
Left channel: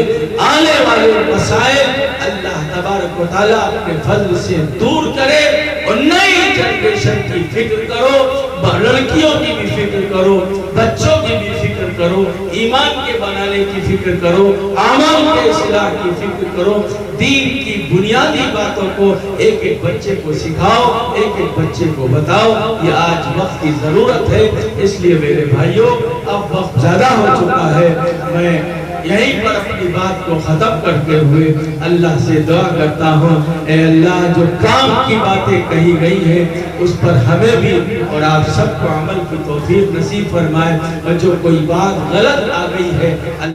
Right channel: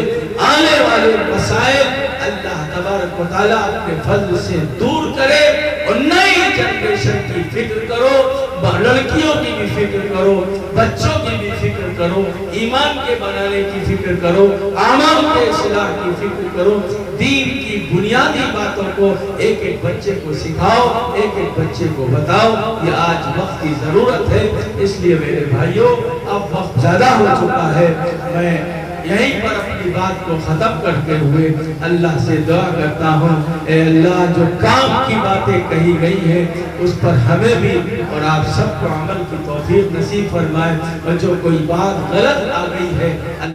آنے والے مسائل اللہ تبارک و تعالیٰ اپنے فضل سے دور کرے اور نئی جنریشن کی فکر کرو. لڑکیوں کی بھی فکر کرو، بچوں کی بھی فکر کرو، ایمان کے بنانے کی فکر کرو، اعمال کے اصلاح کی فکر کرو. دین کی بنیادی باتوں کو ایک ایک بچے کو سکھاؤ، ایک ایک بچے کو بتاؤ. یہ آج وقت کی ضرورت ہے. اس لیے میرے بھائیوں، اب وقت زیادہ ہو چکا ہے. میں یہیں پر اپنی بات کو ختم کرتے ہوئے اللہ سے دعا کرتا ہوں، اے اللہ جو کام کی باتیں کہی گئی ہیں اس پر ہمیں بھی اور آپ سب کو عمل کی توفیق نصیب فرمائے، اور جو کوئی بات غلط آ گئی ہے